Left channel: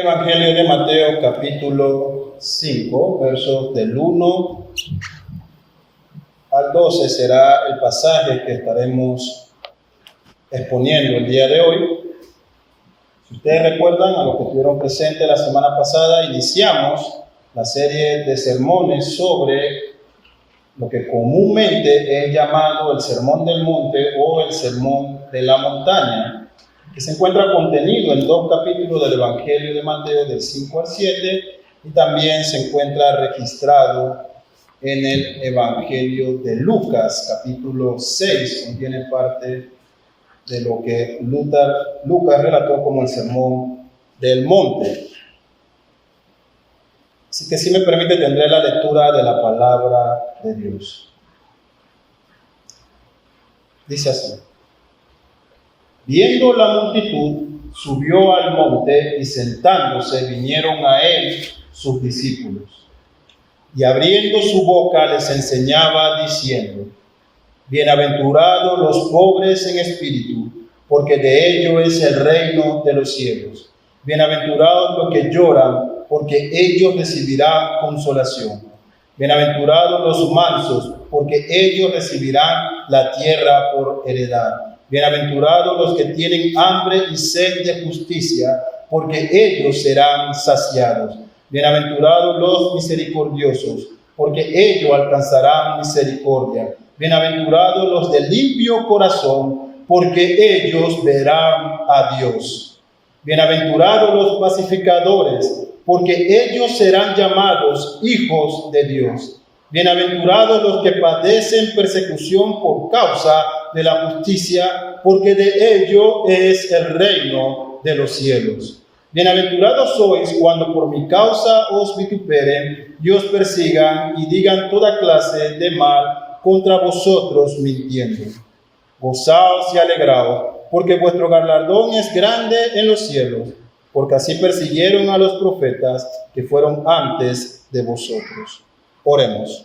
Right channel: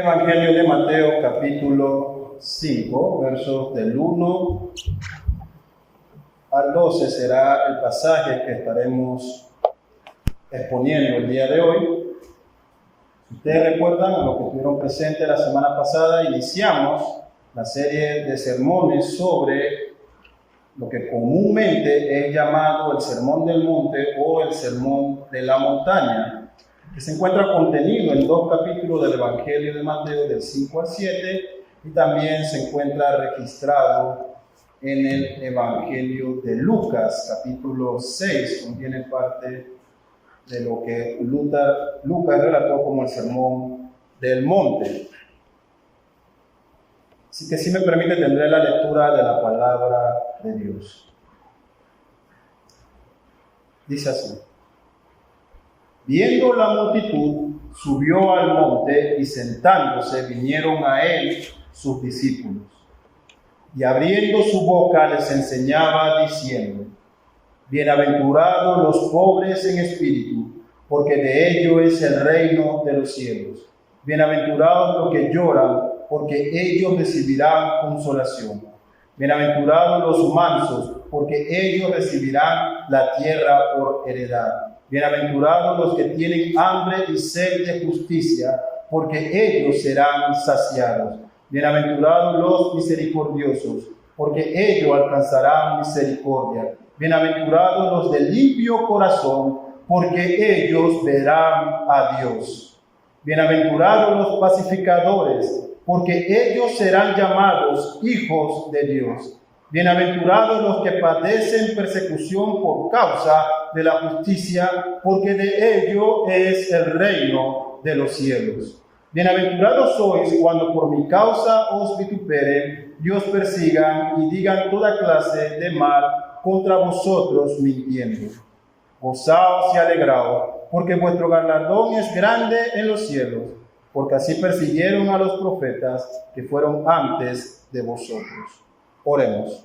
Evangelio de Mateo, capítulo 5, versos del 1 al 12 será el pasaje que estaremos exponiendo el día de hoy. Si ustedes recuerdan, a los que estuvieron presentes la semana pasada, iniciamos la serie de sermones sobre lo que comúnmente es llamado el Sermón del Monte o el Sermón de la Montaña, que se encuentra contenido en 2 capítulos del Evangelio de Mateo, del 5 al 7, y también se encuentra registrado en el Evangelio de Lucas, capítulo 6, contiene parte de lo que Lucas relató como el Sermón del Monte. Así que si me permite, tendré la lectura de la palabra de Dios. Dice así: viendo la multitud, subió al monte y sentándose vinieron a él sus discípulos. Y abriendo su boca les enseñaba diciendo: bienaventurados los pobres en espíritu, porque de ellos es el reino de los cielos. Bienaventurados los que lloran, porque ellos recibirán consolación. Bienaventurados los mansos, porque ellos recibirán la tierra por heredad. Bienaventurados los que tienen hambre y sed de justicia, porque ellos serán saciados. Bienaventurados los misericordiosos, porque ellos alcanzarán misericordia. Bienaventurados los de limpio corazón, porque ellos verán a Dios. Bienaventurados los pacificadores, porque ellos serán llamados hijos de Dios. Bienaventurados los que padecen persecución por causa de la justicia, porque de ellos es el reino de los cielos. Bienaventurados sois cuando por mi causa os vituperen y os persigan y digan toda clase de mal contra vosotros mintiendo. Gozaos y alegraos, porque vuestro galardón es grande en los cielos, porque así persiguieron a los profetas que fueron antes de vosotros. Oremos.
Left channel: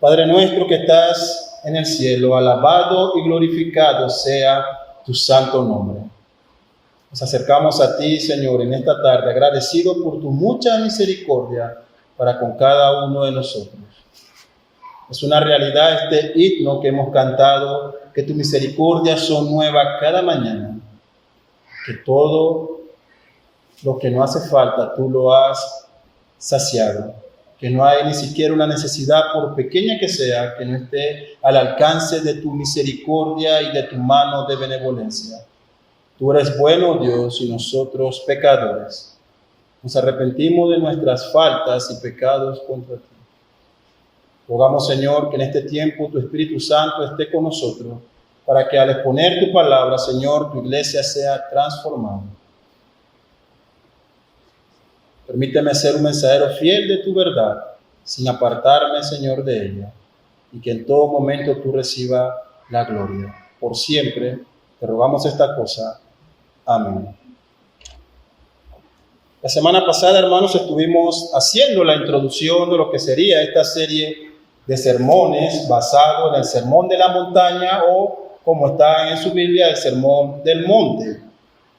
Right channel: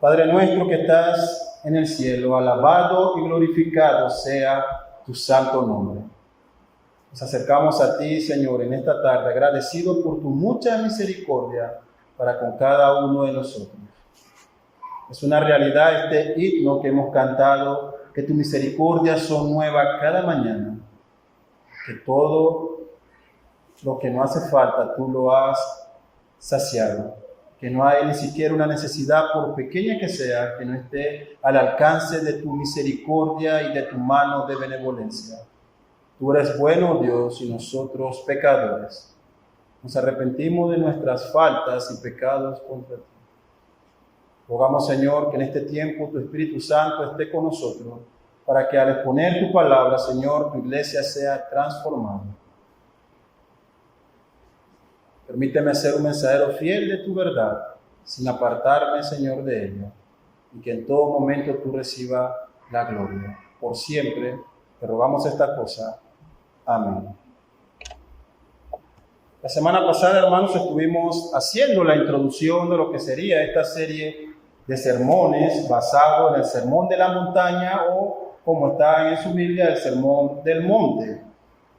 Padre nuestro que estás en el cielo, alabado y glorificado sea tu santo nombre. Nos acercamos a ti, Señor, en esta tarde, agradecido por tu mucha misericordia para con cada uno de nosotros. Es una realidad este himno que hemos cantado, que tus misericordias son nuevas cada mañana, que todo lo que no hace falta tú lo has saciado, que no hay ni siquiera una necesidad, por pequeña que sea, que no esté al alcance de tu misericordia y de tu mano de benevolencia. Tú eres bueno, Dios, y nosotros pecadores. Nos arrepentimos de nuestras faltas y pecados contra ti. Rogamos, Señor, que en este tiempo tu Espíritu Santo esté con nosotros, para que al exponer tu palabra, Señor, tu iglesia sea transformada. Permíteme ser un mensajero fiel de tu verdad, sin apartarme, Señor, de ella, y que en todo momento tú recibas la gloria. Por siempre te rogamos esta cosa. Amén. La semana pasada, hermanos, estuvimos haciendo la introducción de lo que sería esta serie de sermones basado en el Sermón de la Montaña o, como está en su Biblia, el Sermón del Monte.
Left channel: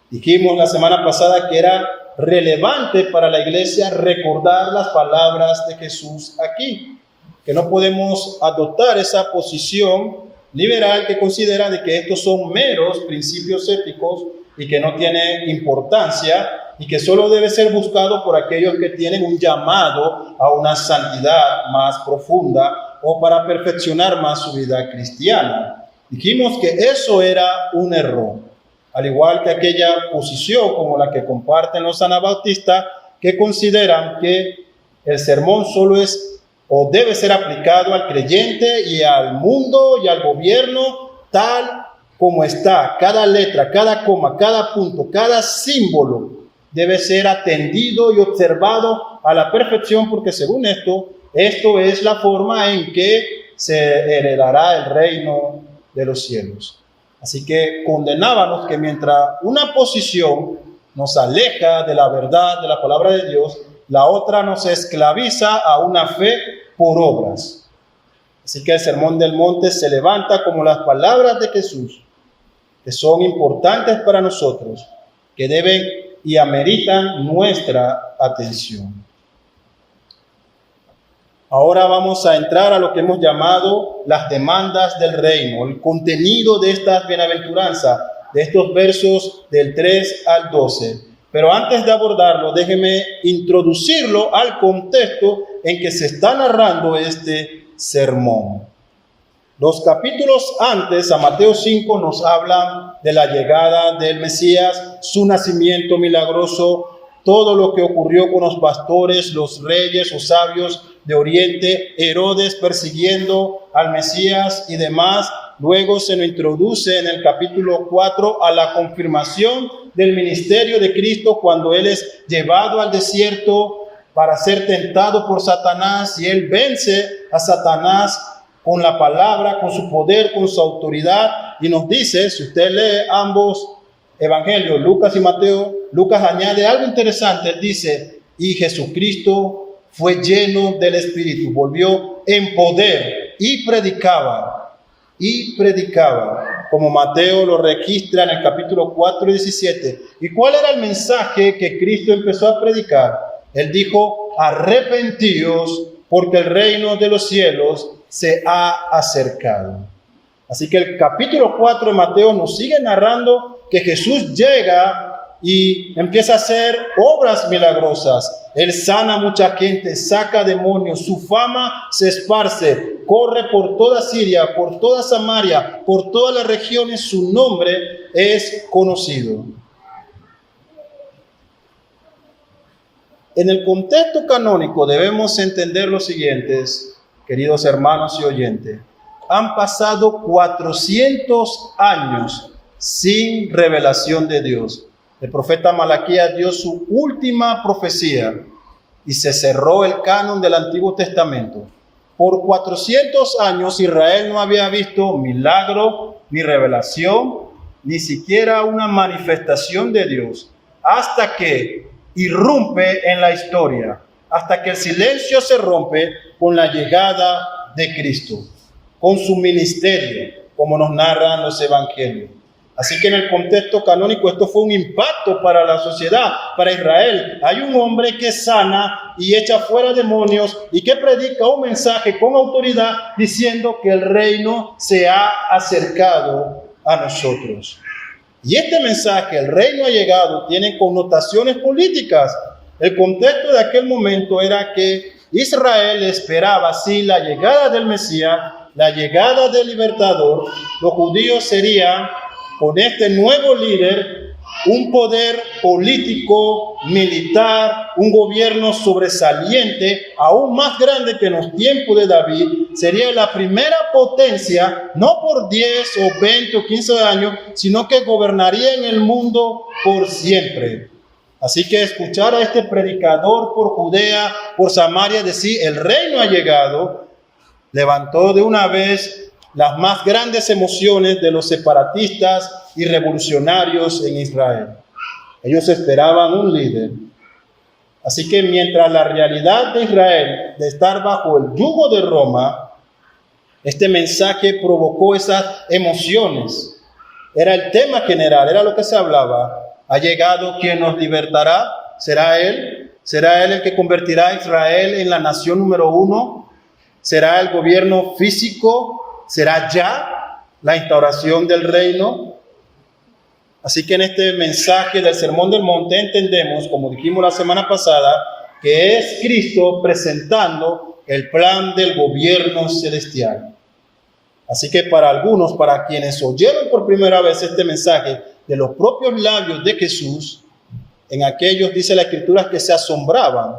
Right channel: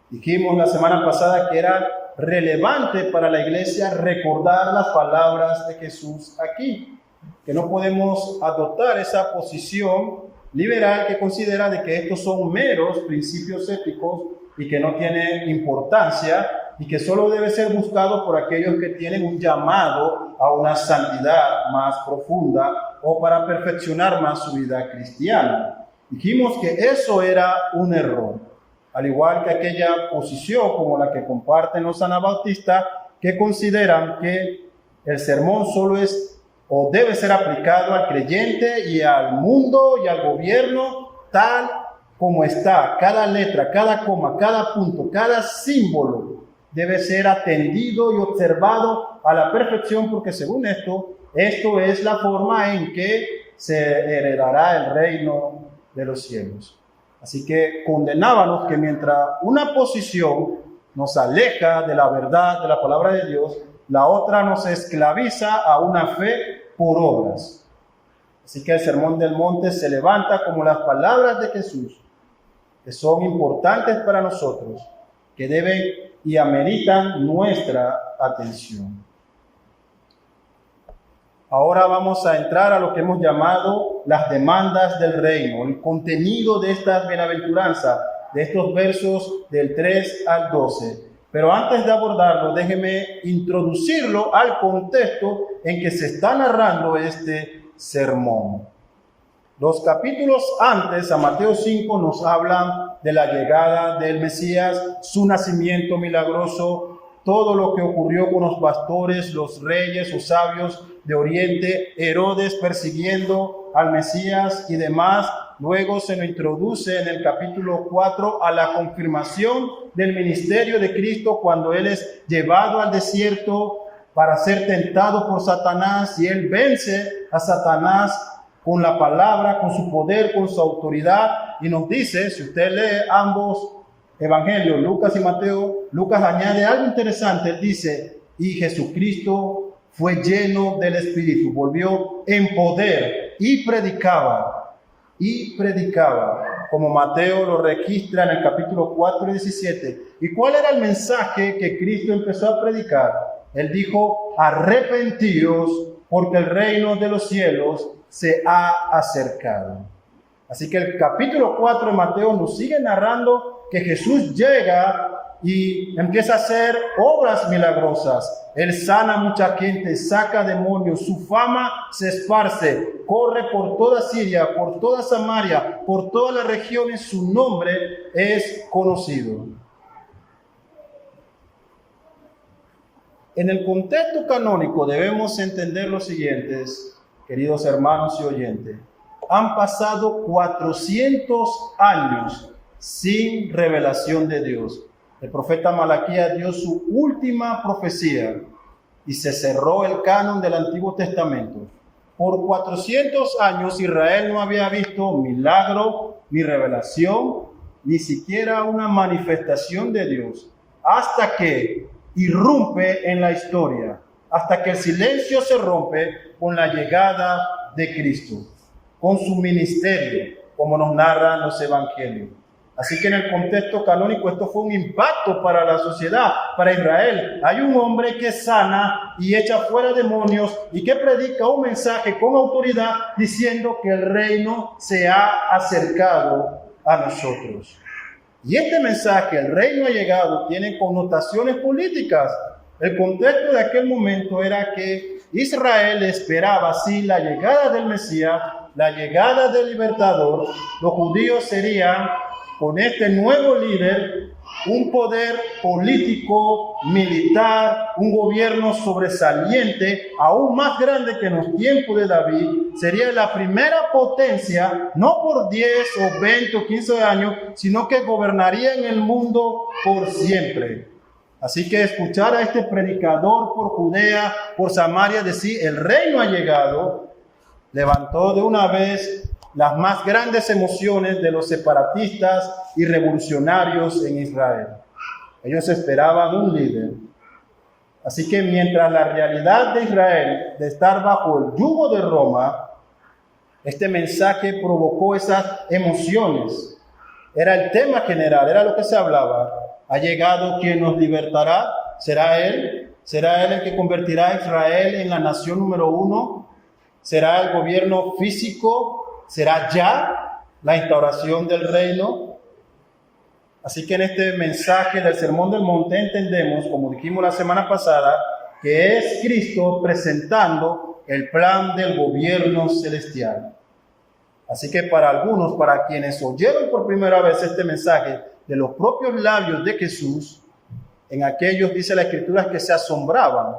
Dijimos la semana pasada que era relevante para la iglesia recordar las palabras de Jesús aquí, que no podemos adoptar esa posición liberal que considera de que estos son meros principios éticos y que no tienen importancia y que solo debe ser buscado por aquellos que tienen un llamado a una santidad más profunda o para perfeccionar más su vida cristiana. Dijimos que eso era un error, al igual que aquella posición como la que comparten los anabautistas, que consideran que el sermón solo es o debe ser aplicado al creyente y al mundo y al gobierno tal como está. Cada letra, cada coma, cada punto, cada símbolo debe ser atendido y observado a la perfección, porque según esto es la forma en que se heredará el reino de los cielos. Así que condenábamos que mientras una posición nos aleja de la verdad de la palabra de Dios, la otra nos esclaviza a una fe por obras. Así que el Sermón del Monte se levanta como las palabras de Jesús, que son importantes para nosotros, que deben y ameritan nuestra atención. Ahora vamos a entrar a lo que hemos llamado las demandas del reino, el contenido de estas bienaventuranzas, de estos versos del 3 al 12. Pero antes de abordarlo, déjeme introducirlo al contexto en que se está narrando este sermón. Los capítulos antes, a Mateo 5, nos hablan de la llegada del Mesías, su nacimiento milagroso, todo lo que ocurrió con los pastores, los reyes o sabios de Oriente, Herodes persiguiendo al Mesías y demás. Luego se nos introduce en el capítulo 4 a la confirmación del ministerio de Cristo cuando Él es llevado al desierto para ser tentado por Satanás, y Él vence a Satanás con la palabra, con su poder, con su autoridad. Y nos dice, si usted lee ambos evangelios, Lucas y Mateo, Lucas añade algo interesante. Él dice, y Jesucristo fue lleno del Espíritu, volvió en poder y predicaba, como Mateo lo registra en el capítulo 4 y 17. ¿Y cuál era el mensaje que Cristo empezó a predicar? Él dijo, arrepentíos, porque el reino de los cielos se ha acercado. Así que el capítulo 4 de Mateo nos sigue narrando que Jesús llega y empieza a hacer obras milagrosas. Él sana a mucha gente, saca demonios, su fama se esparce, corre por toda Siria, por toda Samaria, por todas las regiones, su nombre es conocido. En el contexto canónico debemos entender lo siguiente, queridos hermanos y oyentes. Han pasado 400 años sin revelación de Dios. El profeta Malaquías dio su última profecía y se cerró el canon del Antiguo Testamento. Por 400 años Israel no había visto milagro, ni revelación, ni siquiera una manifestación de Dios, hasta que irrumpe en la historia, hasta que el silencio se rompe con la llegada de Cristo, con su ministerio, como nos narran los evangelios. Así que en el contexto canónico esto fue un impacto para la sociedad, para Israel. Hay un hombre que sana y echa fuera demonios y que predica un mensaje con autoridad diciendo que el reino se ha acercado a nosotros. Y este mensaje, el reino ha llegado, tiene connotaciones políticas. El contexto de aquel momento era que Israel esperaba así la llegada del Mesías, la llegada del libertador. Los judíos serían, con este nuevo líder, un poder político, militar, un gobierno sobresaliente, aún más grande que en los tiempos de David. Sería la primera potencia, no por 10 o 20 o 15 años, sino que gobernaría en el mundo por siempre. Así que escuchar a este predicador por Judea, por Samaria, decir, el reino ha llegado, levantó de una vez las más grandes emociones de los separatistas y revolucionarios en Israel. Ellos esperaban un líder. Así que mientras la realidad de Israel, de estar bajo el yugo de Roma, este mensaje provocó esas emociones. Era el tema general, era lo que se hablaba. ¿Ha llegado quien nos libertará? ¿Será Él? ¿Será Él el que convertirá a Israel en la nación número 1? ¿Será el gobierno físico? ¿Será ya la instauración del reino? Así que en este mensaje del Sermón del Monte entendemos, como dijimos la semana pasada, que es Cristo presentando el plan del gobierno celestial. Así que para algunos, para quienes oyeron por primera vez este mensaje de los propios labios de Jesús, en aquellos dice la Escritura que se asombraban.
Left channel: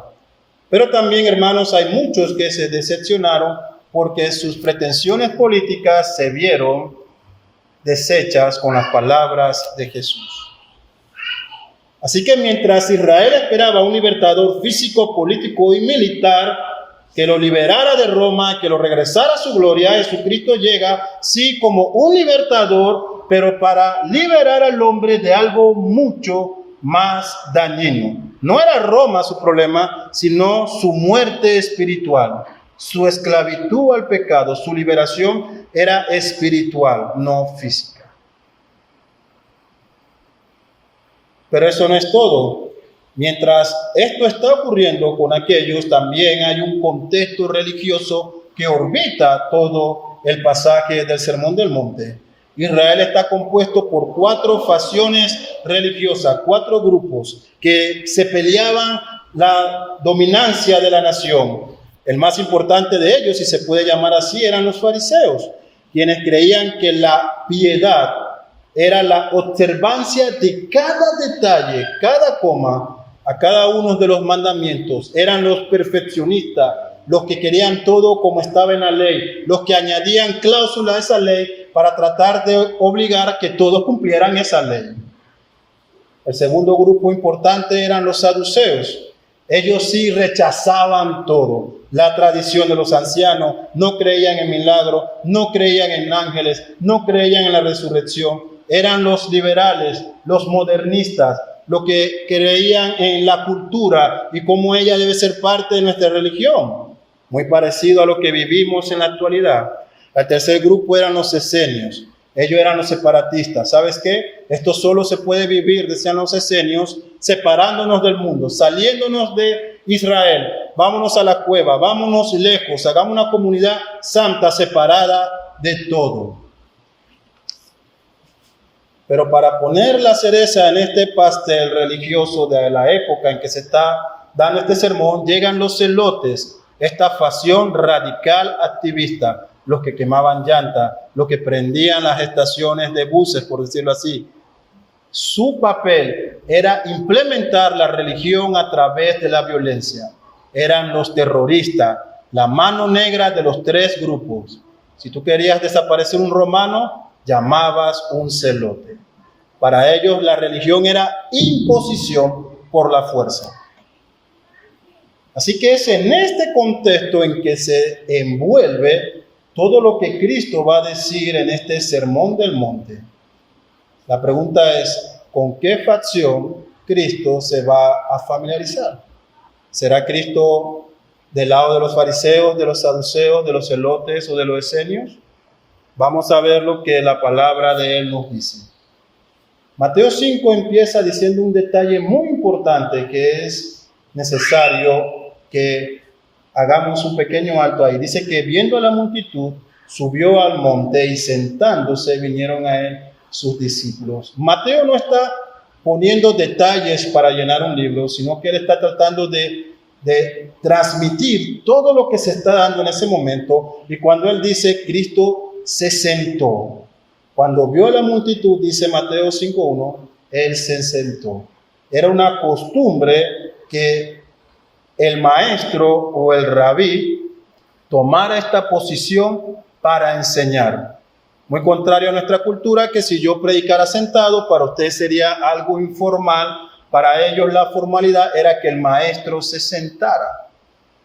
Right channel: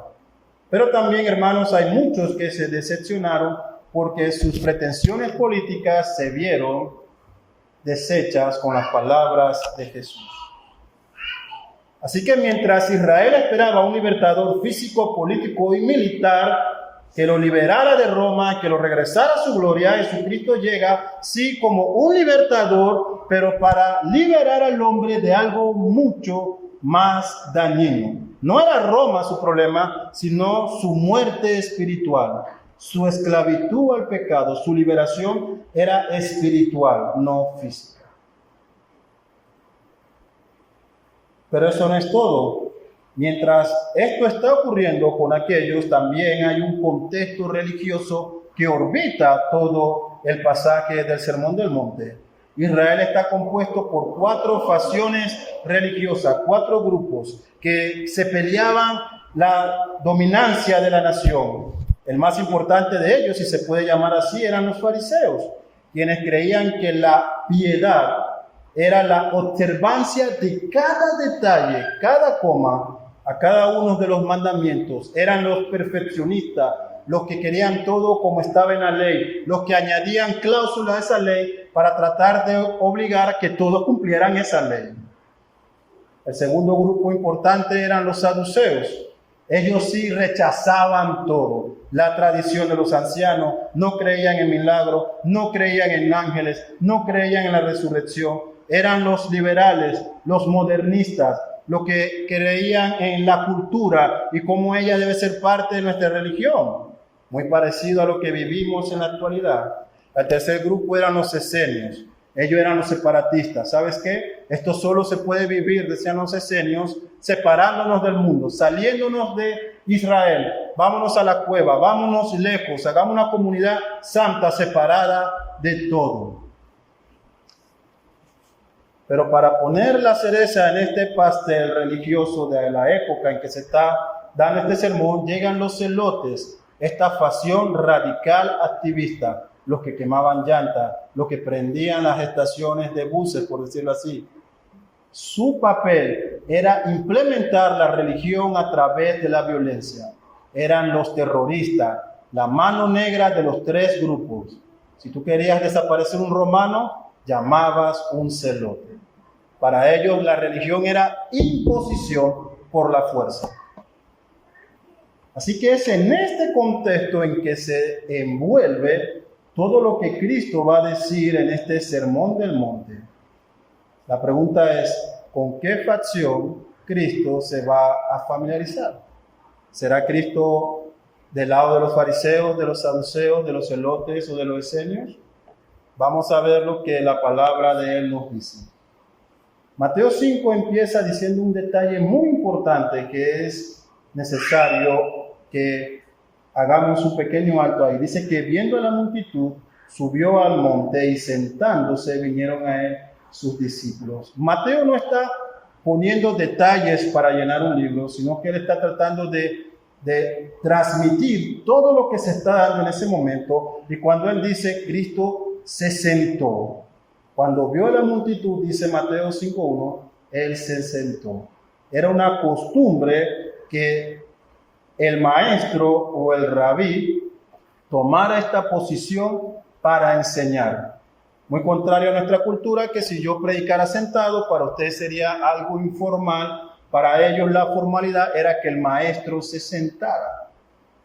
Pero también, hermanos, hay muchos que se decepcionaron porque sus pretensiones políticas se vieron deshechas con las palabras de Jesús. Así que mientras Israel esperaba un libertador físico, político y militar que lo liberara de Roma, que lo regresara a su gloria, Jesucristo llega, sí, como un libertador, pero para liberar al hombre de algo mucho más dañino. No era Roma su problema, sino su muerte espiritual. Su esclavitud al pecado, su liberación era espiritual, no física. Pero eso no es todo. Mientras esto está ocurriendo con aquellos, también hay un contexto religioso que orbita todo el pasaje del Sermón del Monte. Israel está compuesto por 4 facciones religiosas, 4 grupos que se peleaban la dominancia de la nación. El más importante de ellos, si se puede llamar así, eran los fariseos, quienes creían que la piedad era la observancia de cada detalle, cada coma, a cada uno de los mandamientos. Eran los perfeccionistas, los que querían todo como estaba en la ley, los que añadían cláusulas a esa ley para tratar de obligar a que todos cumplieran esa ley. El segundo grupo importante eran los saduceos. Ellos sí rechazaban todo, la tradición de los ancianos, no creían en milagros, no creían en ángeles, no creían en la resurrección. Eran los liberales, los modernistas, los que creían en la cultura y cómo ella debe ser parte de nuestra religión. Muy parecido a lo que vivimos en la actualidad. El tercer grupo eran los esenios. Ellos eran los separatistas. ¿Sabes qué? Esto solo se puede vivir, decían los esenios, separándonos del mundo, saliéndonos de Israel. Vámonos a la cueva, vámonos lejos, hagamos una comunidad santa separada de todo. Pero para poner la cereza en este pastel religioso de la época en que se está dando este sermón, llegan los celotes, esta facción radical activista, los que quemaban llantas, los que prendían las estaciones de buses, por decirlo así. Su papel era implementar la religión a través de la violencia. Eran los terroristas, la mano negra de los 3 grupos. Si tú querías desaparecer un romano, llamabas un celote. Para ellos la religión era imposición por la fuerza. Así que es en este contexto en que se envuelve todo lo que Cristo va a decir en este Sermón del Monte. La pregunta es, ¿con qué facción Cristo se va a familiarizar? ¿Será Cristo del lado de los fariseos, de los saduceos, de los celotes o de los esenios? Vamos a ver lo que la palabra de él nos dice. Mateo 5 empieza diciendo un detalle muy importante que es necesario que hagamos un pequeño alto ahí. Dice que viendo a la multitud, subió al monte y sentándose vinieron a él sus discípulos. Mateo no está poniendo detalles para llenar un libro, sino que él está tratando de transmitir todo lo que se está dando en ese momento. Y cuando él dice Cristo se sentó, cuando vio a la multitud, dice Mateo 5:1, él se sentó. Era una costumbre que el maestro o el rabí tomara esta posición para enseñar. Muy contrario a nuestra cultura, que si yo predicara sentado, para usted sería algo informal. Para ellos la formalidad era que el maestro se sentara.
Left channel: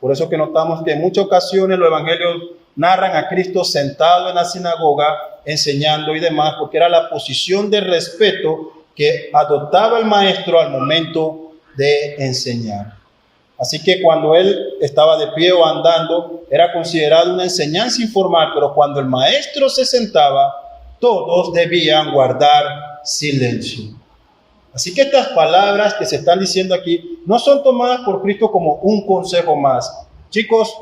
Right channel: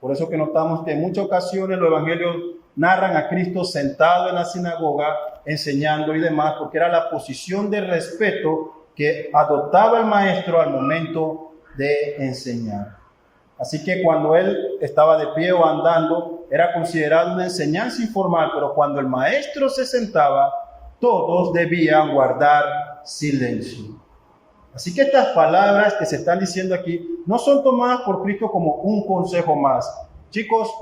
Por eso que notamos que en muchas ocasiones los evangelios narran a Cristo sentado en la sinagoga, enseñando y demás, porque era la posición de respeto que adoptaba el maestro al momento de enseñar. Así que cuando él estaba de pie o andando, era considerado una enseñanza informal, pero cuando el maestro se sentaba, todos debían guardar silencio. Así que estas palabras que se están diciendo aquí no son tomadas por Cristo como un consejo más. Chicos,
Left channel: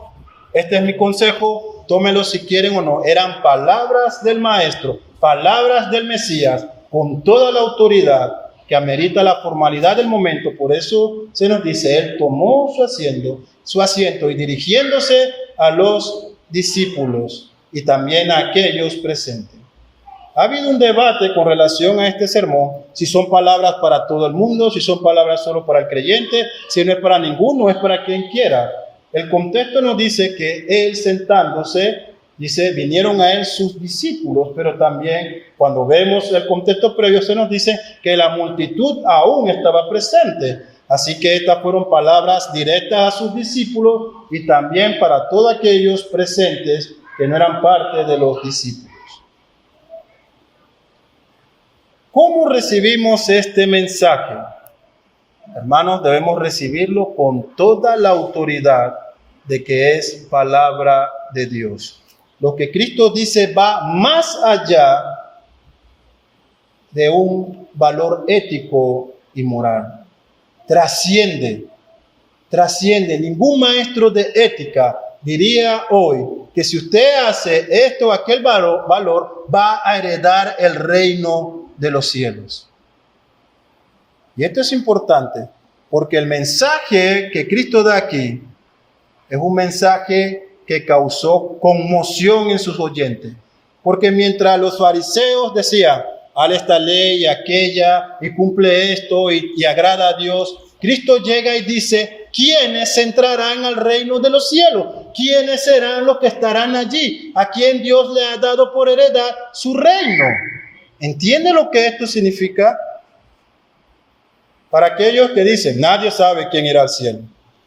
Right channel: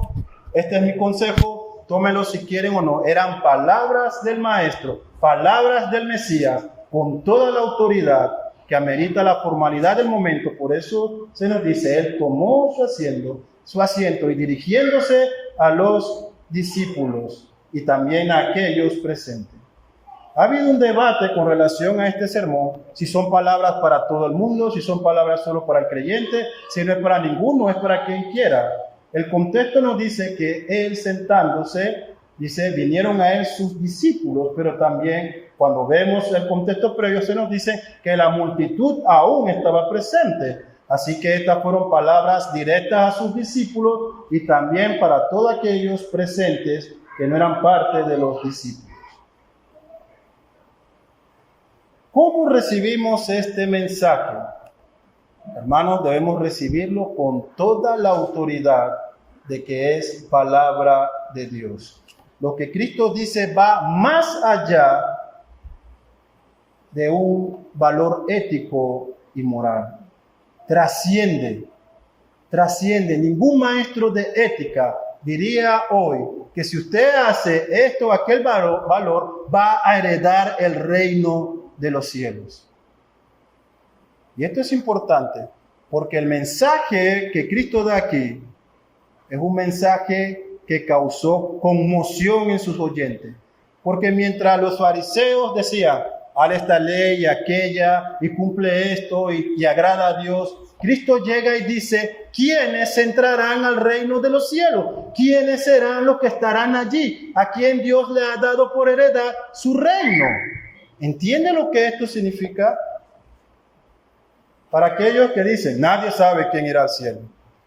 este es mi consejo, tómenlo si quieren o no. Eran palabras del maestro, palabras del Mesías, con toda la autoridad que amerita la formalidad del momento. Por eso se nos dice, él tomó su asiento y dirigiéndose a los discípulos y también a aquellos presentes. Ha habido un debate con relación a este sermón, si son palabras para todo el mundo, si son palabras solo para el creyente, si no es para ninguno, es para quien quiera. El contexto nos dice que él sentándose, dice, vinieron a él sus discípulos, pero también cuando vemos el contexto previo se nos dice que la multitud aún estaba presente. Así que estas fueron palabras directas a sus discípulos y también para todos aquellos presentes que no eran parte de los discípulos. ¿Cómo recibimos este mensaje? Hermanos, debemos recibirlo con toda la autoridad de que es palabra de Dios. Lo que Cristo dice va más allá de un valor ético y moral. Trasciende. Ningún maestro de ética diría hoy que si usted hace esto o aquel valor, va a heredar el reino de los cielos. Y esto es importante, porque el mensaje que Cristo da aquí es un mensaje que causó conmoción en sus oyentes. Porque mientras los fariseos decían, haz esta ley y aquella, y cumple esto y agrada a Dios, Cristo llega y dice, ¿quiénes entrarán al reino de los cielos? ¿Quiénes serán los que estarán allí? ¿A quién Dios le ha dado por heredad su reino? ¿Entiende lo que esto significa? Para aquellos que dicen, nadie sabe quién irá al cielo.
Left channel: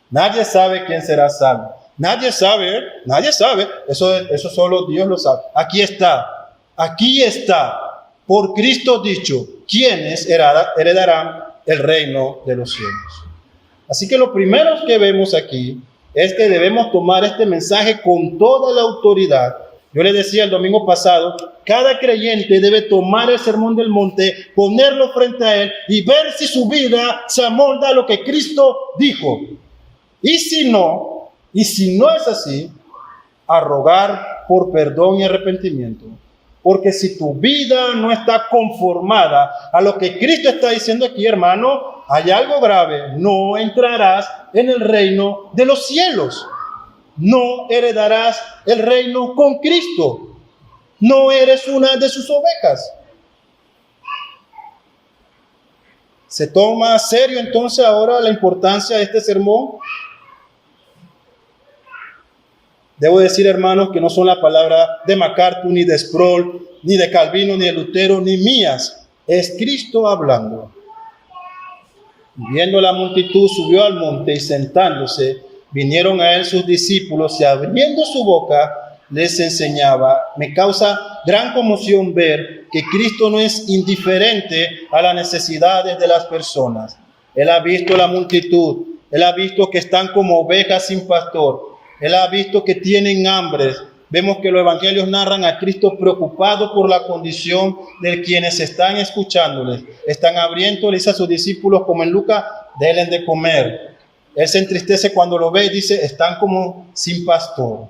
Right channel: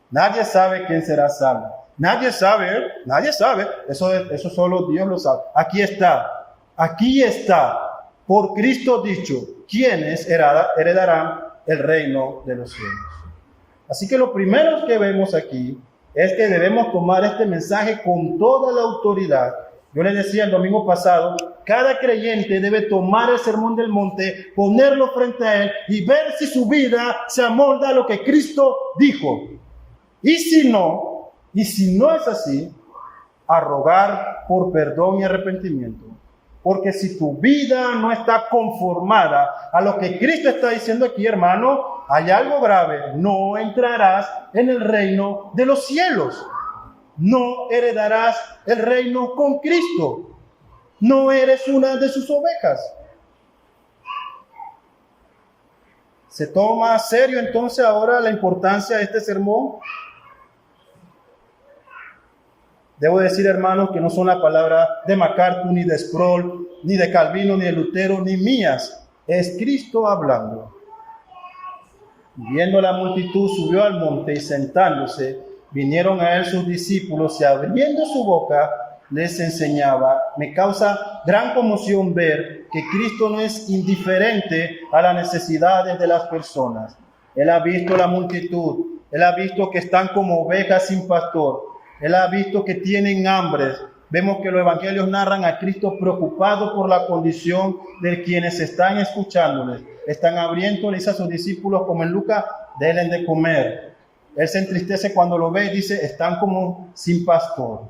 Nadie sabe quién será salvo. Nadie sabe. Eso solo Dios lo sabe. Aquí está, por Cristo dicho, ¿quiénes heredarán el reino de los cielos? Así que lo primero que vemos aquí es que debemos tomar este mensaje con toda la autoridad. Yo les decía el domingo pasado, cada creyente debe tomar el Sermón del Monte, ponerlo frente a él y ver si su vida se amolda a lo que Cristo dijo. Y si no es así, a rogar por perdón y arrepentimiento. Porque si tu vida no está conformada a lo que Cristo está diciendo aquí, hermano, hay algo grave. No entrarás en el reino de los cielos. No heredarás el reino con Cristo. No eres una de sus ovejas. ¿Se toma a serio entonces ahora la importancia de este sermón? Debo decir, hermanos, que no son la palabra de MacArthur, ni de Sproul, ni de Calvino, ni de Lutero, ni mías. Es Cristo hablando. Viendo la multitud, subió al monte y sentándose, vinieron a él sus discípulos y abriendo su boca les enseñaba. Me causa gran conmoción ver que Cristo no es indiferente a las necesidades de las personas. Él ha visto la multitud, él ha visto que están como ovejas sin pastor. Él ha visto que tienen hambre. Vemos que los evangelios narran a Cristo preocupado por la condición de quienes están escuchándoles. Están abriéndoles a sus discípulos, como en Lucas, denles de comer. Él se entristece cuando lo ve y dice, están como sin pastor.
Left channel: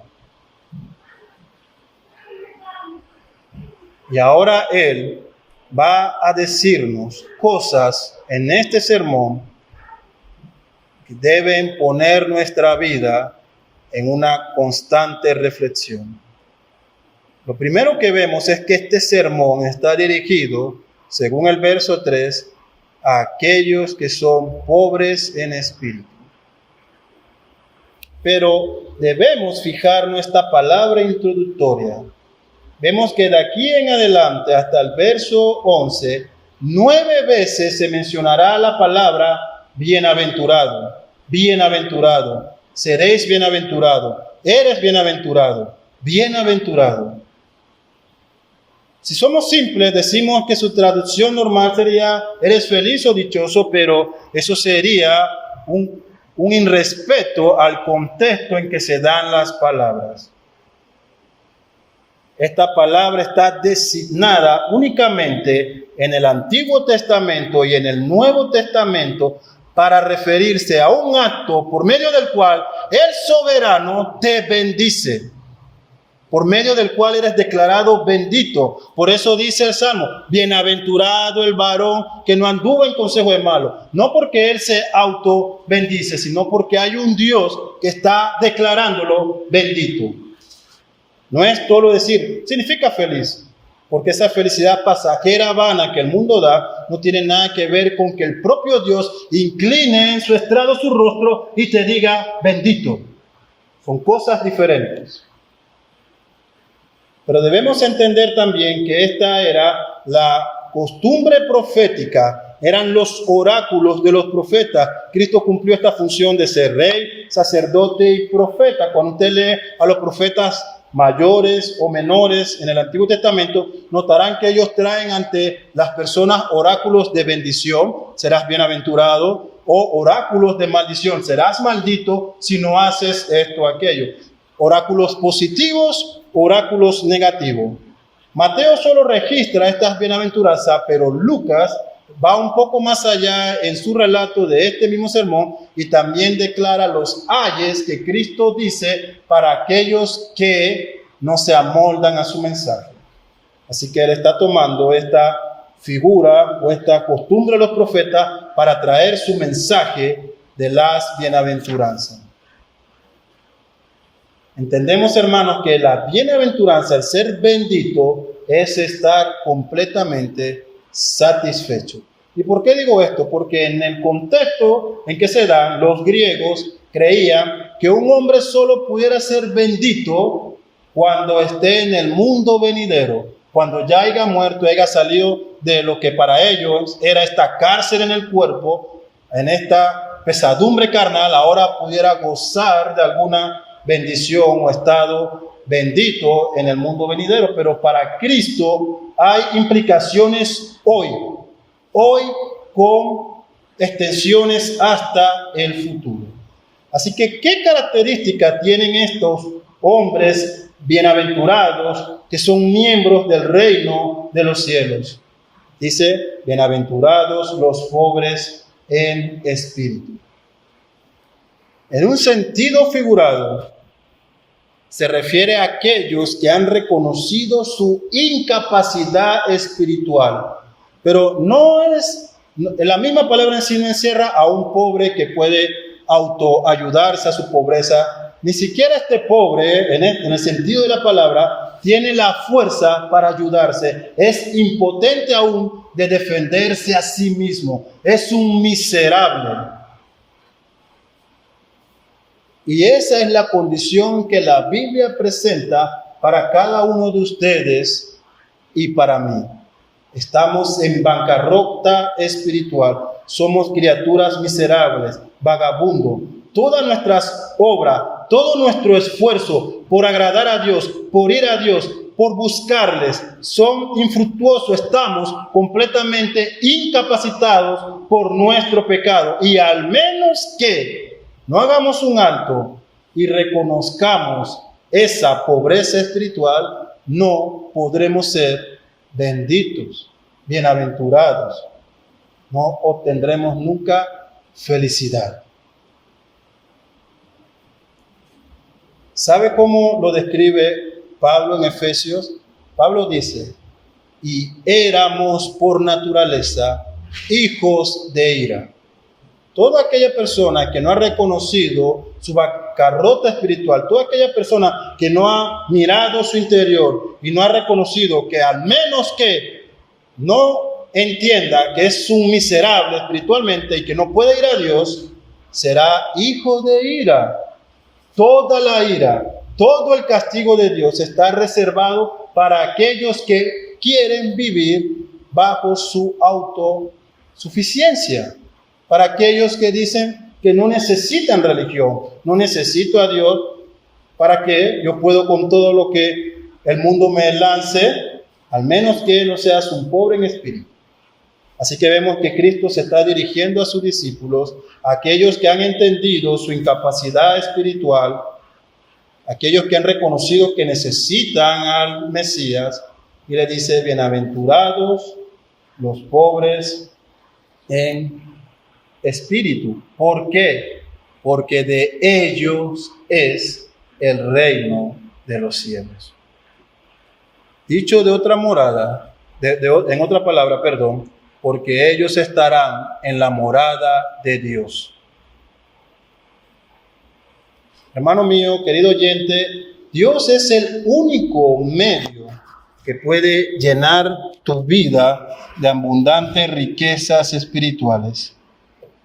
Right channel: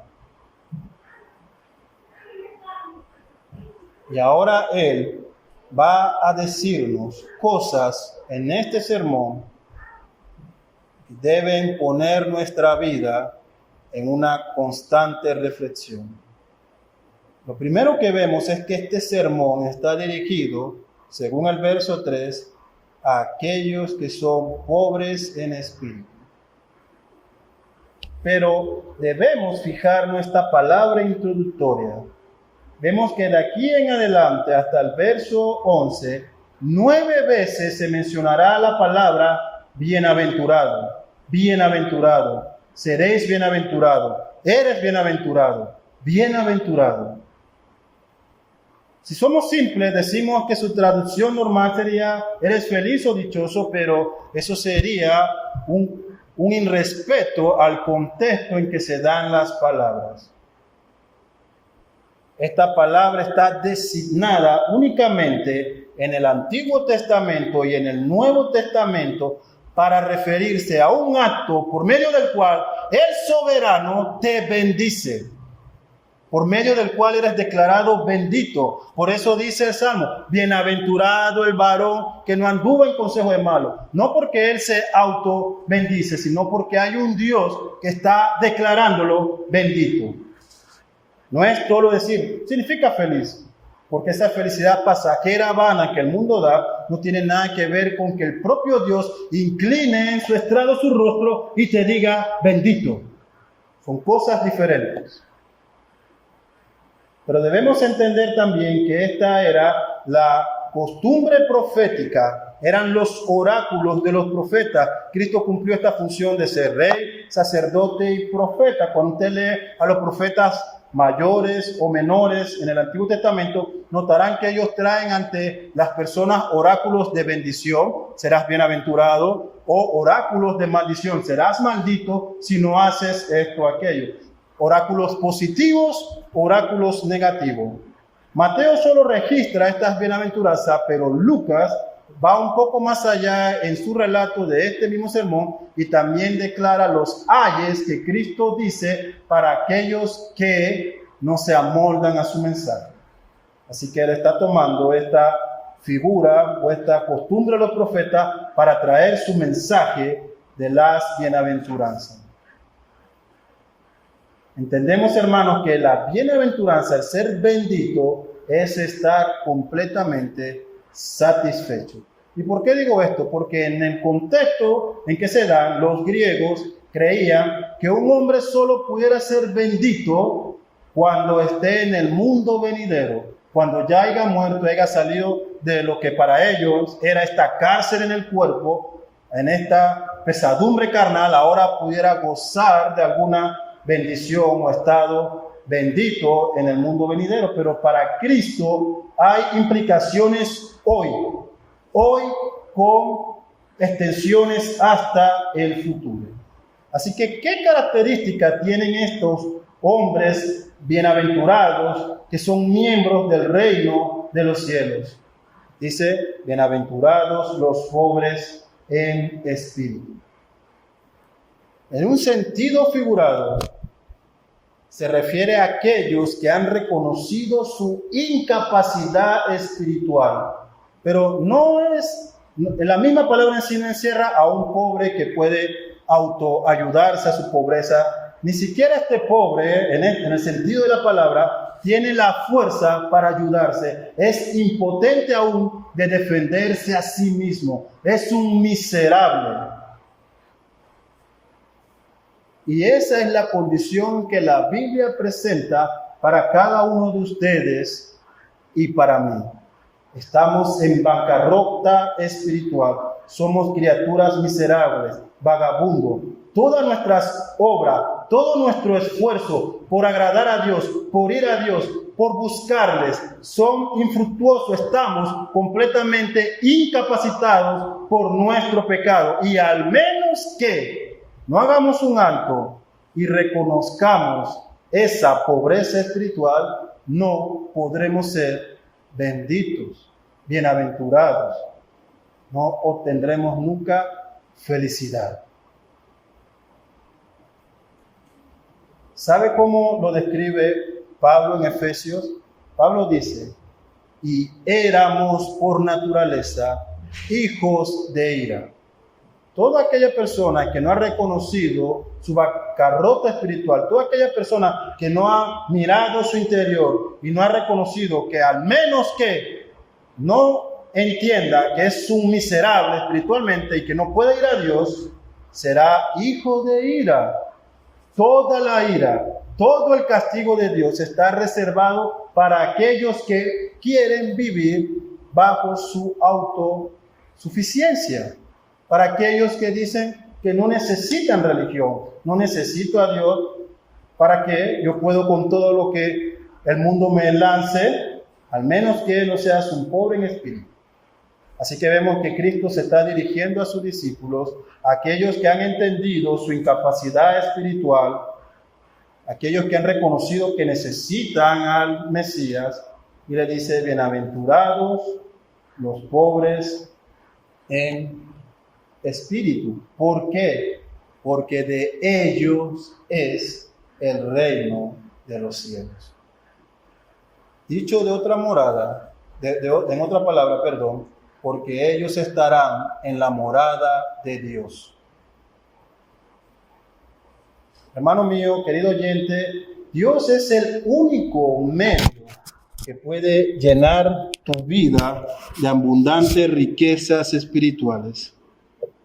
Y ahora Él va a decirnos cosas en este sermón que deben poner nuestra vida en una constante reflexión. Lo primero que vemos es que este sermón está dirigido, según el verso 3, a aquellos que son pobres en espíritu. Pero debemos fijar nuestra palabra introductoria. Vemos que de aquí en adelante hasta el verso 11, 9 veces se mencionará la palabra bienaventurado, bienaventurado. Seréis bienaventurado, eres bienaventurado, bienaventurado. Si somos simples, decimos que su traducción normal sería eres feliz o dichoso, pero eso sería un irrespeto al contexto en que se dan las palabras. Esta palabra está designada únicamente en el Antiguo Testamento y en el Nuevo Testamento para referirse a un acto por medio del cual el soberano te bendice, por medio del cual eres declarado bendito. Por eso dice el Salmo, bienaventurado el varón que no anduvo en consejo de malo. No porque él se auto bendice, sino porque hay un Dios que está declarándolo bendito. No es solo decir, significa feliz. Porque esa felicidad pasajera vana que el mundo da no tiene nada que ver con que el propio Dios incline en su estrado su rostro y te diga bendito. Son cosas diferentes. Pero debemos entender también que esta era la costumbre profética, eran los oráculos de los profetas. Cristo cumplió esta función de ser rey, sacerdote y profeta. Cuando usted lee a los profetas mayores o menores en el Antiguo Testamento, notarán que ellos traen ante las personas oráculos de bendición. Serás bienaventurado, o oráculos de maldición. Serás maldito si no haces esto o aquello. Oráculos positivos, oráculos negativos. Mateo solo registra estas bienaventuranzas, pero Lucas va un poco más allá en su relato de este mismo sermón y también declara los ayes que Cristo dice para aquellos que no se amoldan a su mensaje. Así que él está tomando esta figura o esta costumbre de los profetas para traer su mensaje de las bienaventuranzas. Entendemos, hermanos, que la bienaventuranza, el ser bendito, es estar completamente satisfecho. ¿Y por qué digo esto? Porque en el contexto en que se dan, los griegos creían que un hombre solo pudiera ser bendito cuando esté en el mundo venidero, cuando ya haya muerto, haya salido de lo que para ellos era esta cárcel en el cuerpo, en esta pesadumbre carnal, ahora pudiera gozar de alguna bendición o estado bendito en el mundo venidero. Pero para Cristo hay implicaciones hoy con extensiones hasta el futuro. Así que, ¿qué características tienen estos hombres bienaventurados que son miembros del reino de los cielos? Dice, bienaventurados los pobres en espíritu. En un sentido figurado, se refiere a aquellos que han reconocido su incapacidad espiritual. Pero la misma palabra en sí no encierra a un pobre que puede autoayudarse a su pobreza. Ni siquiera este pobre, en el sentido de la palabra, tiene la fuerza para ayudarse. Es impotente aún de defenderse a sí mismo. Es un miserable. Y esa es la condición que la Biblia presenta para cada uno de ustedes y para mí. Estamos en bancarrota espiritual. Somos criaturas miserables, vagabundos. Todas nuestras obras, todo nuestro esfuerzo por agradar a Dios, por ir a Dios, por buscarles, son infructuosos. Estamos completamente incapacitados por nuestro pecado. Y al menos que no hagamos un alto y reconozcamos esa pobreza espiritual, no podremos ser benditos, bienaventurados. No obtendremos nunca felicidad. ¿Sabe cómo lo describe Pablo en Efesios? Pablo dice, y éramos por naturaleza hijos de ira. Toda aquella persona que no ha reconocido su bancarrota espiritual, toda aquella persona que no ha mirado su interior y no ha reconocido que al menos que no entienda que es un miserable espiritualmente y que no puede ir a Dios, será hijo de ira. Toda la ira, todo el castigo de Dios está reservado para aquellos que quieren vivir bajo su autosuficiencia. Para aquellos que dicen que no necesitan religión, no necesito a Dios, para que yo puedo con todo lo que el mundo me lance, al menos que no seas un pobre en espíritu. Así que vemos que Cristo se está dirigiendo a sus discípulos, a aquellos que han entendido su incapacidad espiritual, aquellos que han reconocido que necesitan al Mesías, y le dice, bienaventurados los pobres en espíritu. ¿Por qué? Porque de ellos es el reino de los cielos. Dicho de otra morada, en otra palabra, porque ellos estarán en la morada de Dios. Hermano mío, querido oyente, Dios es el único medio que puede llenar tu vida de abundantes riquezas espirituales.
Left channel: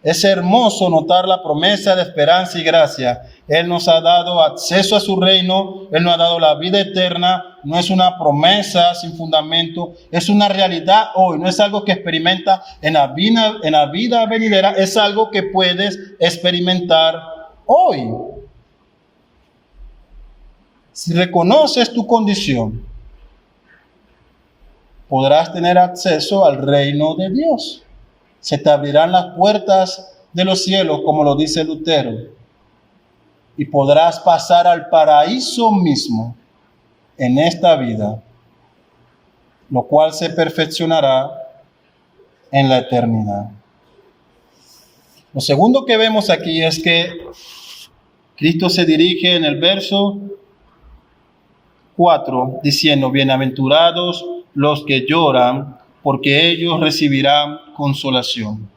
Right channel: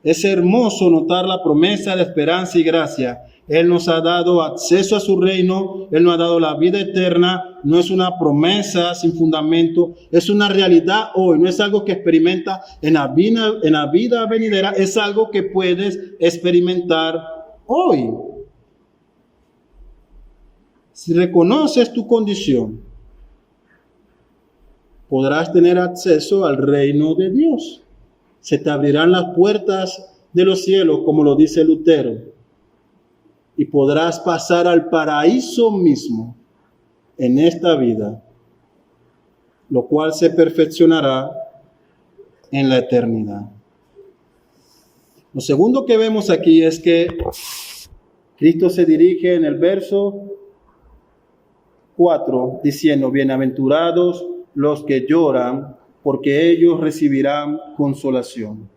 Es hermoso notar la promesa de esperanza y gracia. Él nos ha dado acceso a su reino, Él nos ha dado la vida eterna. No es una promesa sin fundamento, es una realidad hoy, no es algo que experimenta en la vida venidera, es algo que puedes experimentar hoy. Si reconoces tu condición, podrás tener acceso al reino de Dios. Se te abrirán las puertas de los cielos, como lo dice Lutero, y podrás pasar al paraíso mismo en esta vida, lo cual se perfeccionará en la eternidad. Lo segundo que vemos aquí es que Cristo se dirige en el verso 4 diciendo: bienaventurados los que lloran, porque ellos recibirán consolación.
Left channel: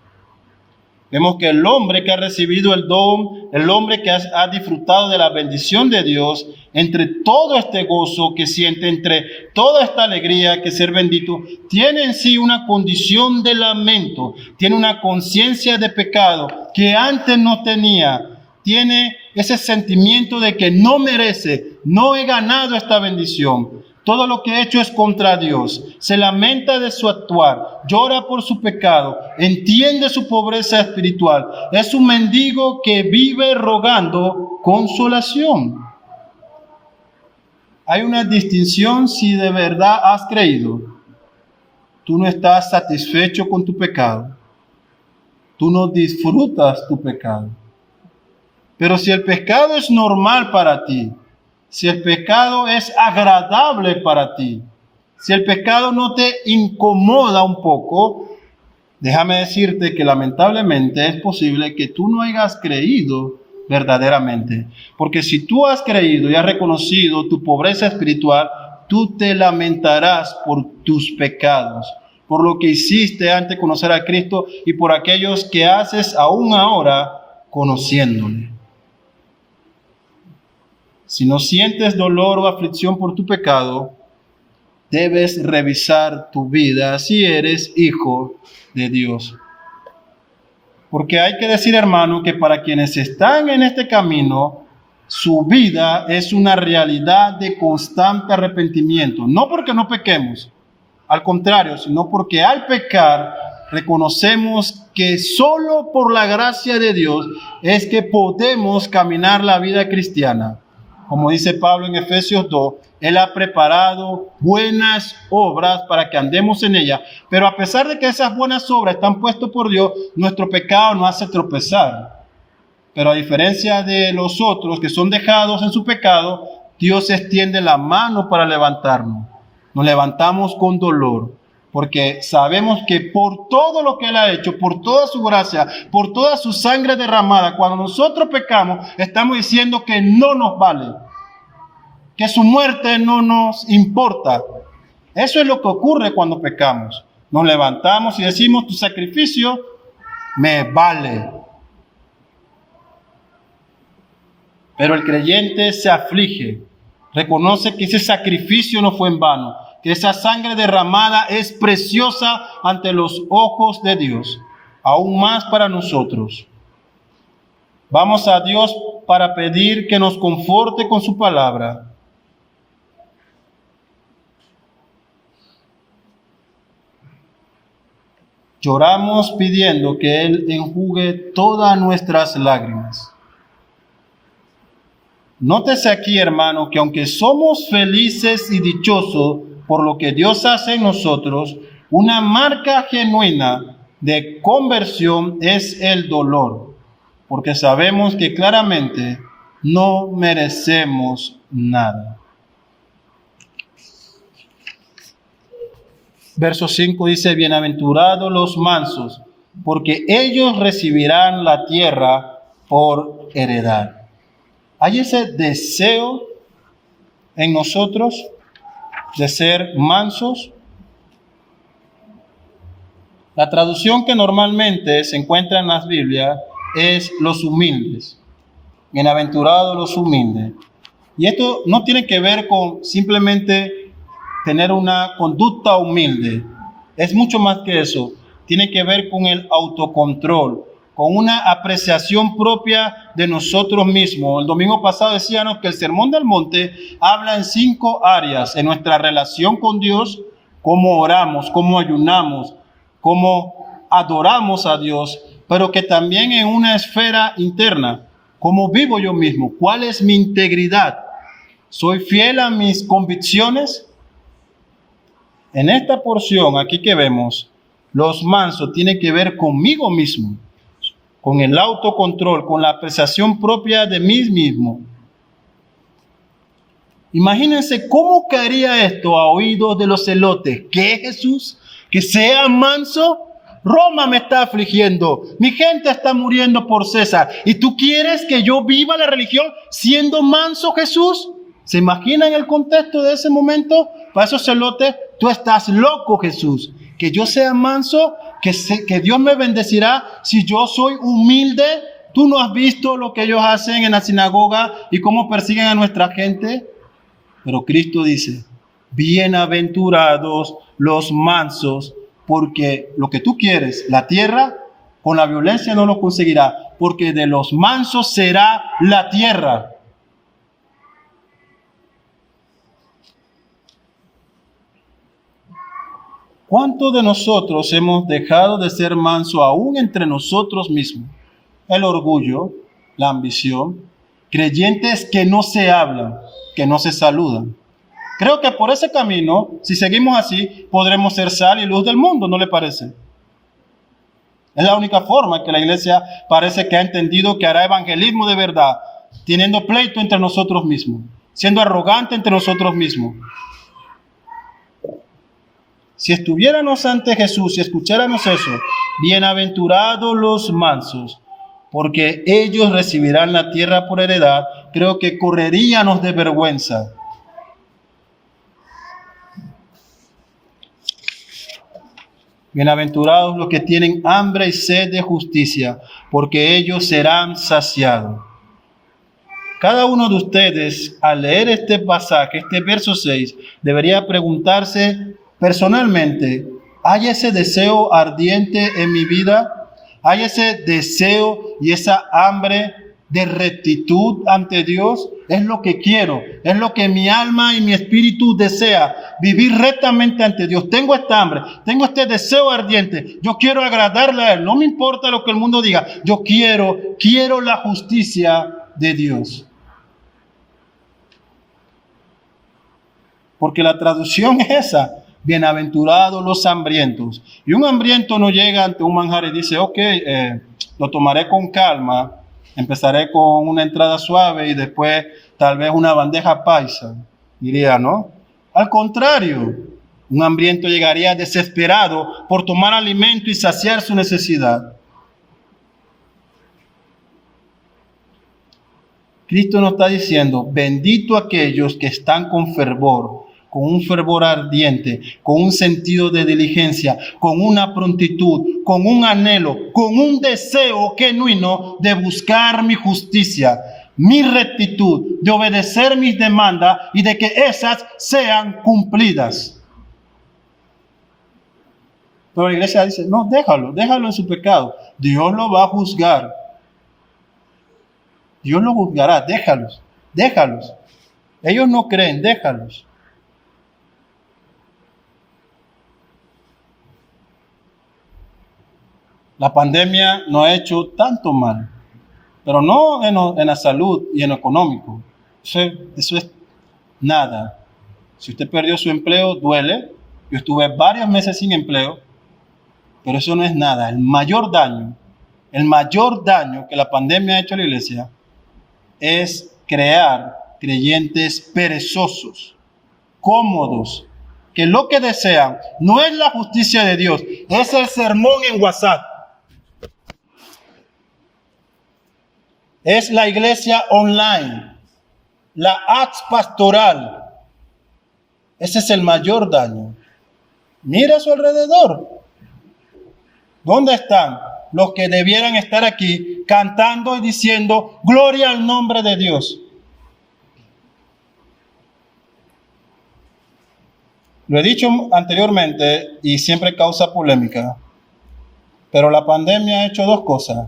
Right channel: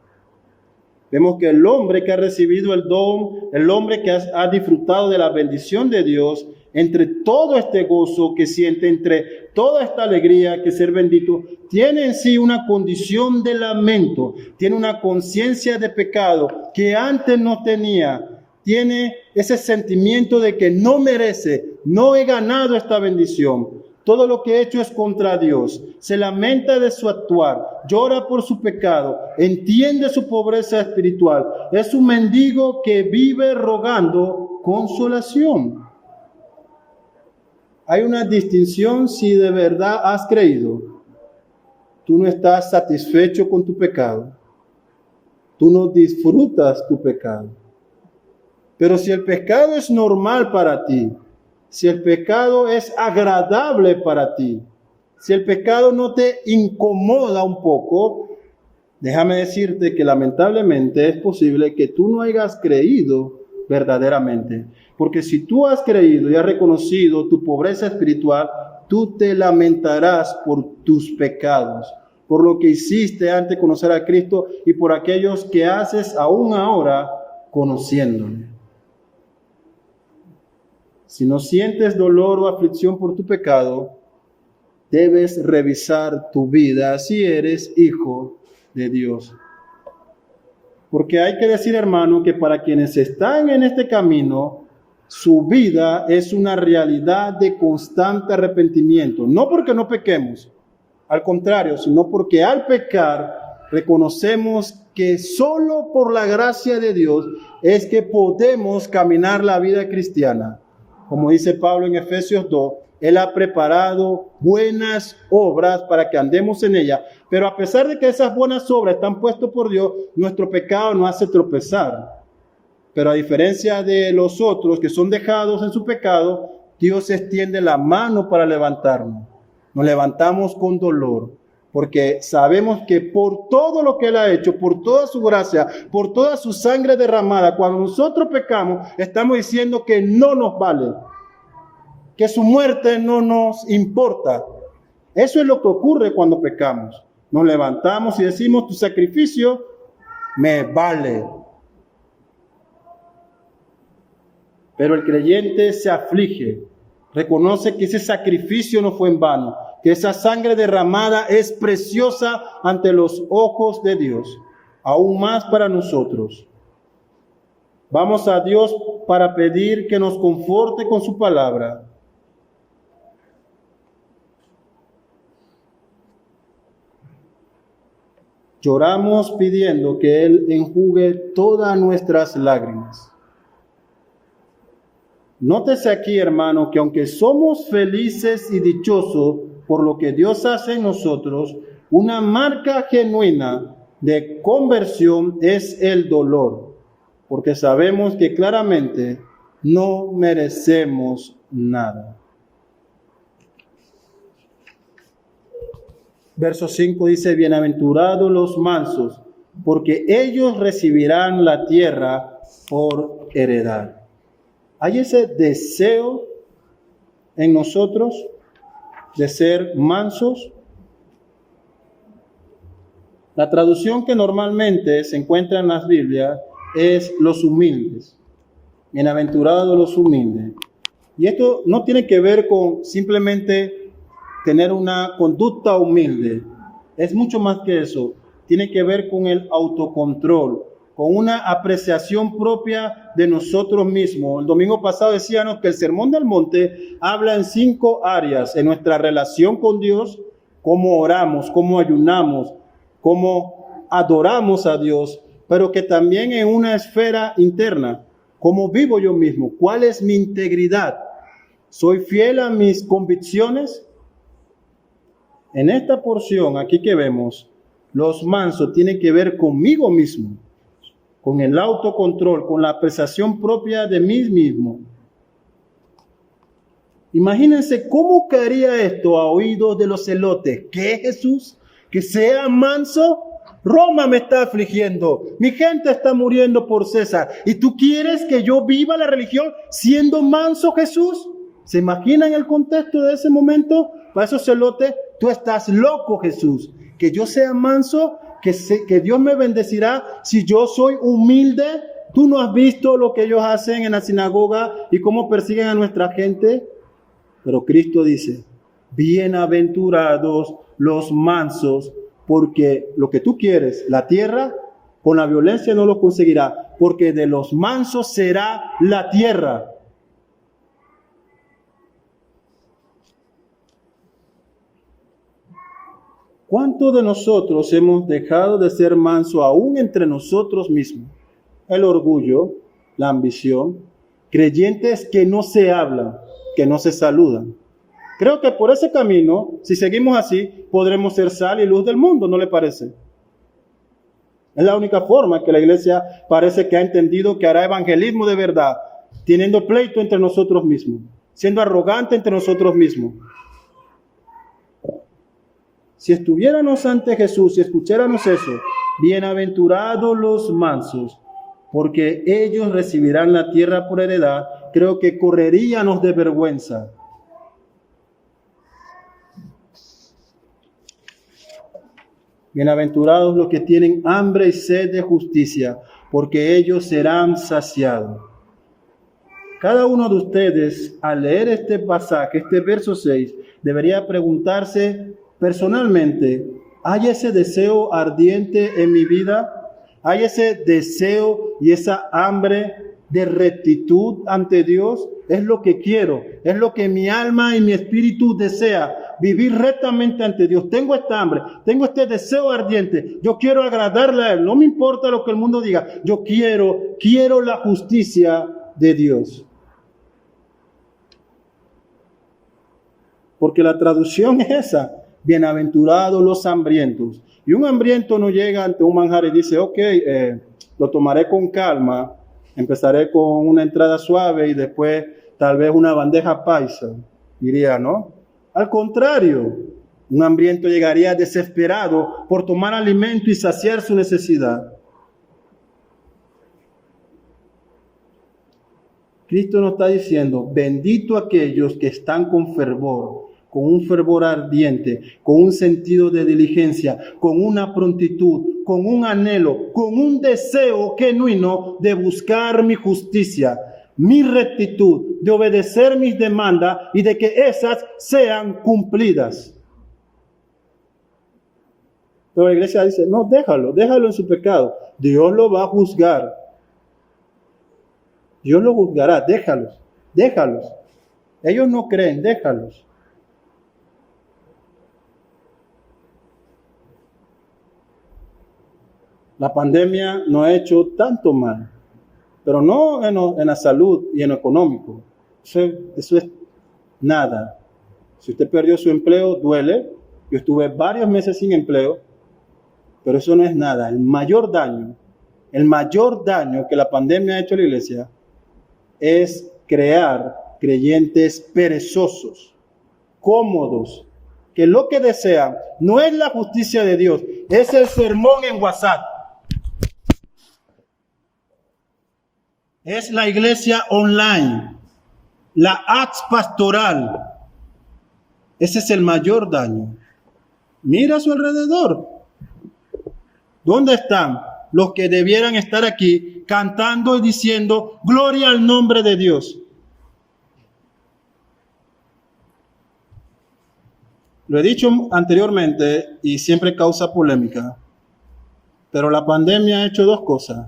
Vemos que el hombre que ha recibido el don, el hombre que ha disfrutado de la bendición de Dios, entre todo este gozo que siente, entre toda esta alegría que ser bendito, tiene en sí una condición de lamento, tiene una conciencia de pecado que antes no tenía, tiene ese sentimiento de que no merece, no he ganado esta bendición. Todo lo que he hecho es contra Dios. Se lamenta de su actuar, llora por su pecado, entiende su pobreza espiritual. Es un mendigo que vive rogando consolación. Hay una distinción si de verdad has creído. Tú no estás satisfecho con tu pecado. Tú no disfrutas tu pecado. Pero si el pecado es normal para ti, si el pecado es agradable para ti, si el pecado no te incomoda un poco, déjame decirte que lamentablemente es posible que tú no hayas creído verdaderamente. Porque si tú has creído y has reconocido tu pobreza espiritual, tú te lamentarás por tus pecados, por lo que hiciste antes de conocer a Cristo y por aquellos que haces aún ahora conociéndole. Si no sientes dolor o aflicción por tu pecado, debes revisar tu vida si eres hijo de Dios. Porque hay que decir, hermano, que para quienes están en este camino, su vida es una realidad de constante arrepentimiento. No porque no pequemos, al contrario, sino porque al pecar reconocemos que solo por la gracia de Dios es que podemos caminar la vida cristiana. Como dice Pablo en Efesios 2, Él ha preparado buenas obras para que andemos en ellas. Pero a pesar de que esas buenas obras están puestas por Dios, nuestro pecado nos hace tropezar. Pero a diferencia de los otros que son dejados en su pecado, Dios extiende la mano para levantarnos. Nos levantamos con dolor, porque sabemos que por todo lo que Él ha hecho, por toda su gracia, por toda su sangre derramada, cuando nosotros pecamos, estamos diciendo que no nos vale, que su muerte no nos importa. Eso es lo que ocurre cuando pecamos. Nos levantamos y decimos: tu sacrificio me vale. Pero el creyente se aflige, reconoce que ese sacrificio no fue en vano, que esa sangre derramada es preciosa ante los ojos de Dios, aún más para nosotros. Vamos a Dios para pedir que nos conforte con su palabra. Lloramos pidiendo que Él enjugue todas nuestras lágrimas. Nótese aquí, hermano, que aunque somos felices y dichosos por lo que Dios hace en nosotros, una marca genuina de conversión es el dolor, porque sabemos que claramente no merecemos nada. Verso 5 dice: bienaventurados los mansos, porque ellos recibirán la tierra por heredad. ¿Hay ese deseo en nosotros de ser mansos? La traducción que normalmente se encuentra en las Biblias es los humildes. Bienaventurados los humildes. Y esto no tiene que ver con simplemente tener una conducta humilde. Es mucho más que eso. Tiene que ver con el autocontrol, con una apreciación propia de nosotros mismos. El domingo pasado decíamos que el Sermón del Monte habla en 5 áreas: en nuestra relación con Dios, cómo oramos, cómo ayunamos, cómo adoramos a Dios, pero que también en una esfera interna, cómo vivo yo mismo, cuál es mi integridad, soy fiel a mis convicciones. En esta porción aquí que vemos, los mansos tienen que ver conmigo mismo. con el autocontrol, con la apreciación propia de mí mismo. Imagínense cómo caería esto a oídos de los celotes. ¿Qué, Jesús? ¿Que sea manso? Roma me está afligiendo, mi gente está muriendo por César, ¿y tú quieres que yo viva la religión siendo manso, Jesús? ¿Se imaginan el contexto de ese momento? Para esos celotes, tú estás loco, Jesús. Que yo sea manso, que Dios me bendecirá si yo soy humilde. ¿Tú no has visto lo que ellos hacen en la sinagoga y cómo persiguen a nuestra gente? Pero Cristo dice, bienaventurados los mansos, porque lo que tú quieres, la tierra, con la violencia no lo conseguirá, porque de los mansos será la tierra. ¿Cuántos de nosotros hemos dejado de ser mansos aún entre nosotros mismos? El orgullo, la ambición, creyentes que no se hablan, que no se saludan. Creo que por ese camino, si seguimos así, podremos ser sal y luz del mundo, ¿no le parece? Es la única forma en que la iglesia parece que ha entendido que hará evangelismo de verdad, teniendo pleito entre nosotros mismos, siendo arrogante entre nosotros mismos. Si estuviéramos ante Jesús y escucháramos eso, bienaventurados los mansos, porque ellos recibirán la tierra por heredad, creo que correríamos de vergüenza. Bienaventurados los que tienen hambre y sed de justicia, porque ellos serán saciados. Cada uno de ustedes, al leer este pasaje, este verso 6, debería preguntarse personalmente, ¿hay ese deseo ardiente en mi vida? ¿Hay ese deseo y esa hambre de rectitud ante Dios? Es lo que quiero, es lo que mi alma y mi espíritu desea, vivir rectamente ante Dios. Tengo esta hambre, tengo este deseo ardiente, yo quiero agradarle a Él, no me importa lo que el mundo diga, yo quiero la justicia de Dios. Porque la traducción es esa, bienaventurados los hambrientos. Y un hambriento no llega ante un manjar y dice, ok, lo tomaré con calma, empezaré con una entrada suave y después tal vez una bandeja paisa, diría, ¿no? Al contrario, un hambriento llegaría desesperado por tomar alimento y saciar su necesidad. Cristo nos está diciendo, bendito aquellos que están con fervor, con un fervor ardiente, con un sentido de diligencia, con una prontitud, con un anhelo, con un deseo genuino de buscar mi justicia, mi rectitud, de obedecer mis demandas y de que esas sean cumplidas. Pero la iglesia dice, no, déjalo en su pecado. Dios lo va a juzgar. Dios lo juzgará, déjalos. Ellos no creen, déjalos. La pandemia nos ha hecho tanto mal, pero no en la salud y en lo económico. Eso es nada. Si usted perdió su empleo, duele. Yo estuve varios meses sin empleo, pero eso no es nada. El mayor daño que la pandemia ha hecho a la iglesia es crear creyentes perezosos, cómodos, que lo que desean no es la justicia de Dios, es el sermón en WhatsApp. Es la iglesia online, la ads pastoral. Ese es el mayor daño. Mira a su alrededor. ¿Dónde están los que debieran estar aquí cantando y diciendo gloria al nombre de Dios? Lo he dicho anteriormente y siempre causa polémica, pero la pandemia ha hecho dos cosas.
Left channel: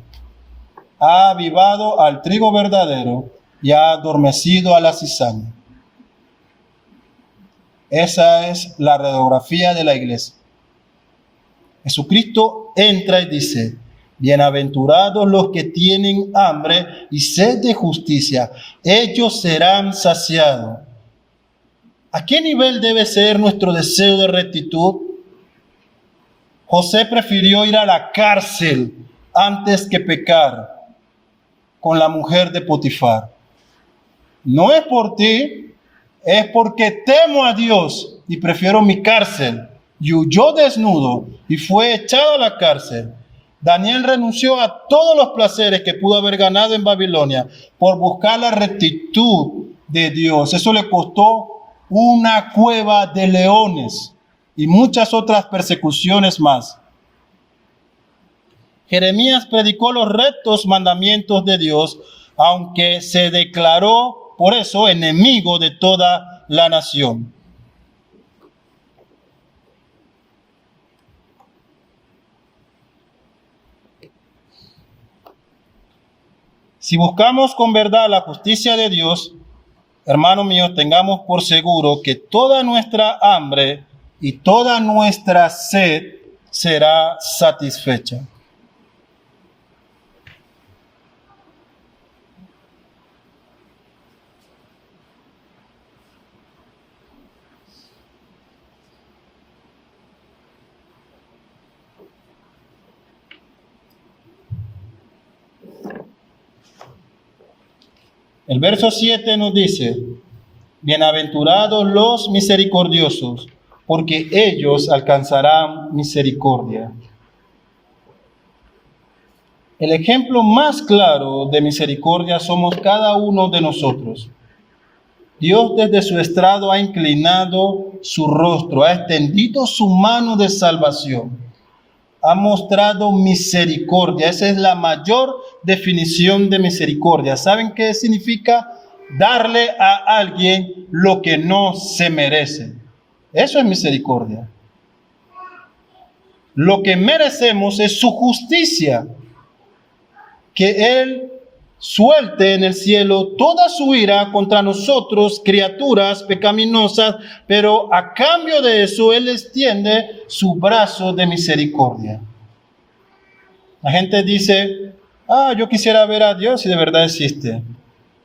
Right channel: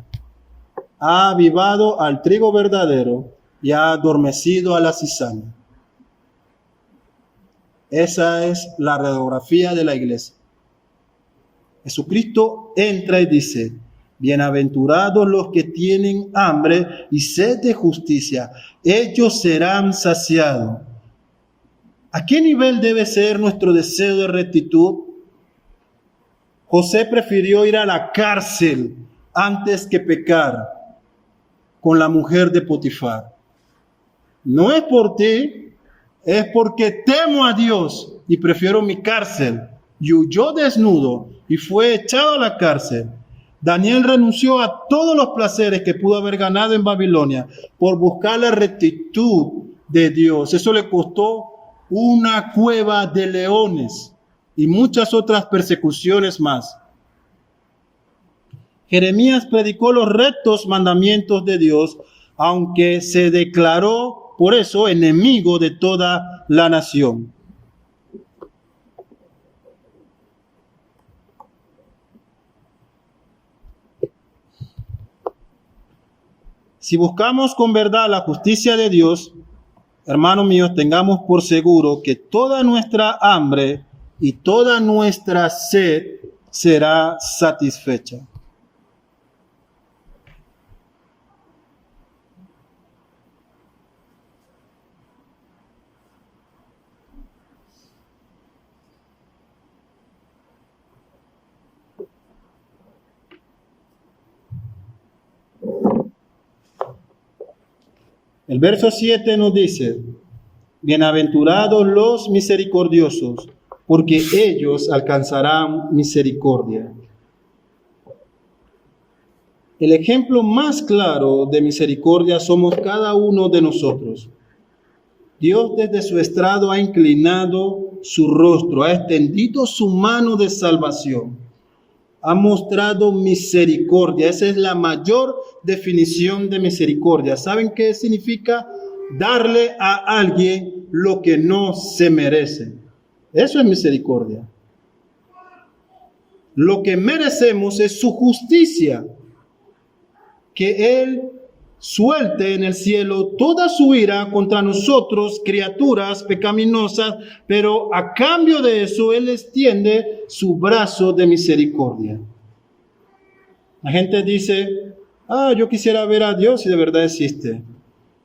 Ha avivado al trigo verdadero y ha adormecido a la cizaña. Esa es la radiografía de la iglesia. Jesucristo entra y dice, bienaventurados los que tienen hambre y sed de justicia, ellos serán saciados. ¿A qué nivel debe ser nuestro deseo de rectitud? José prefirió ir a la cárcel antes que pecar con la mujer de Potifar. No es por ti, es porque temo a Dios y prefiero mi cárcel. Y huyó desnudo y fue echado a la cárcel. Daniel renunció a todos los placeres que pudo haber ganado en Babilonia por buscar la rectitud de Dios. Eso le costó una cueva de leones y muchas otras persecuciones más. Jeremías predicó los rectos mandamientos de Dios, aunque se declaró por eso enemigo de toda la nación. Si buscamos con verdad la justicia de Dios, hermanos míos, tengamos por seguro que toda nuestra hambre y toda nuestra sed será satisfecha. El verso 7 nos dice: bienaventurados los misericordiosos, porque ellos alcanzarán misericordia. El ejemplo más claro de misericordia somos cada uno de nosotros. Dios desde su estrado ha inclinado su rostro, ha extendido su mano de salvación, ha mostrado misericordia. Esa es la mayor definición de misericordia. ¿Saben qué significa? Darle a alguien lo que no se merece. Eso es misericordia. Lo que merecemos es su justicia, que Él suelte en el cielo toda su ira contra nosotros, criaturas pecaminosas, pero a cambio de eso Él extiende su brazo de misericordia. La gente dice: yo quisiera ver a Dios si de verdad existe.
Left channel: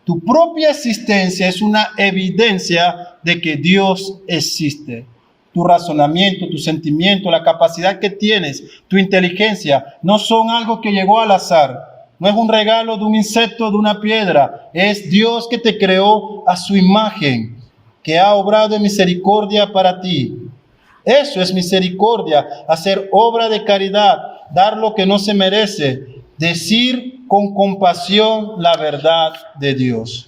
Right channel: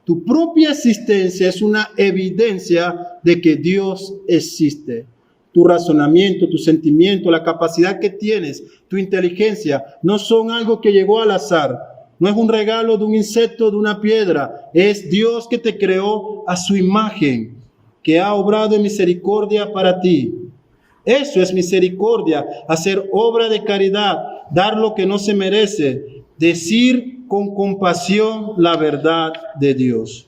Tu propia existencia es una evidencia de que Dios existe. Tu razonamiento, tu sentimiento, la capacidad que tienes, tu inteligencia, no son algo que llegó al azar. No es un regalo de un insecto, de una piedra. Es Dios que te creó a su imagen, que ha obrado en misericordia para ti. Eso es misericordia, hacer obra de caridad, dar lo que no se merece, decir con compasión la verdad de Dios.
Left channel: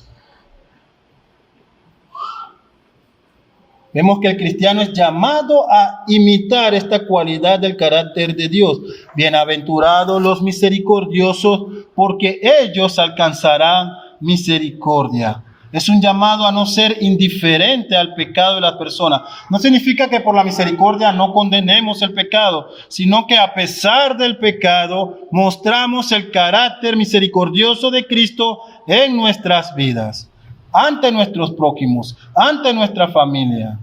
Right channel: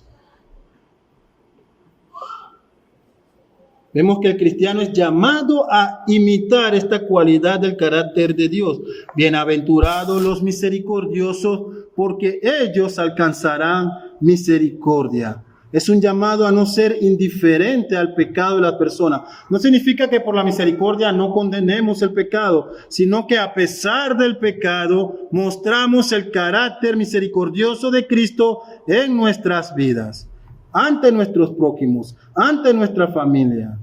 Vemos que el cristiano es llamado a imitar esta cualidad del carácter de Dios. Bienaventurados los misericordiosos, porque ellos alcanzarán misericordia. Es un llamado a no ser indiferente al pecado de la persona. No significa que por la misericordia no condenemos el pecado, sino que a pesar del pecado mostramos el carácter misericordioso de Cristo en nuestras vidas, ante nuestros prójimos, ante nuestra familia.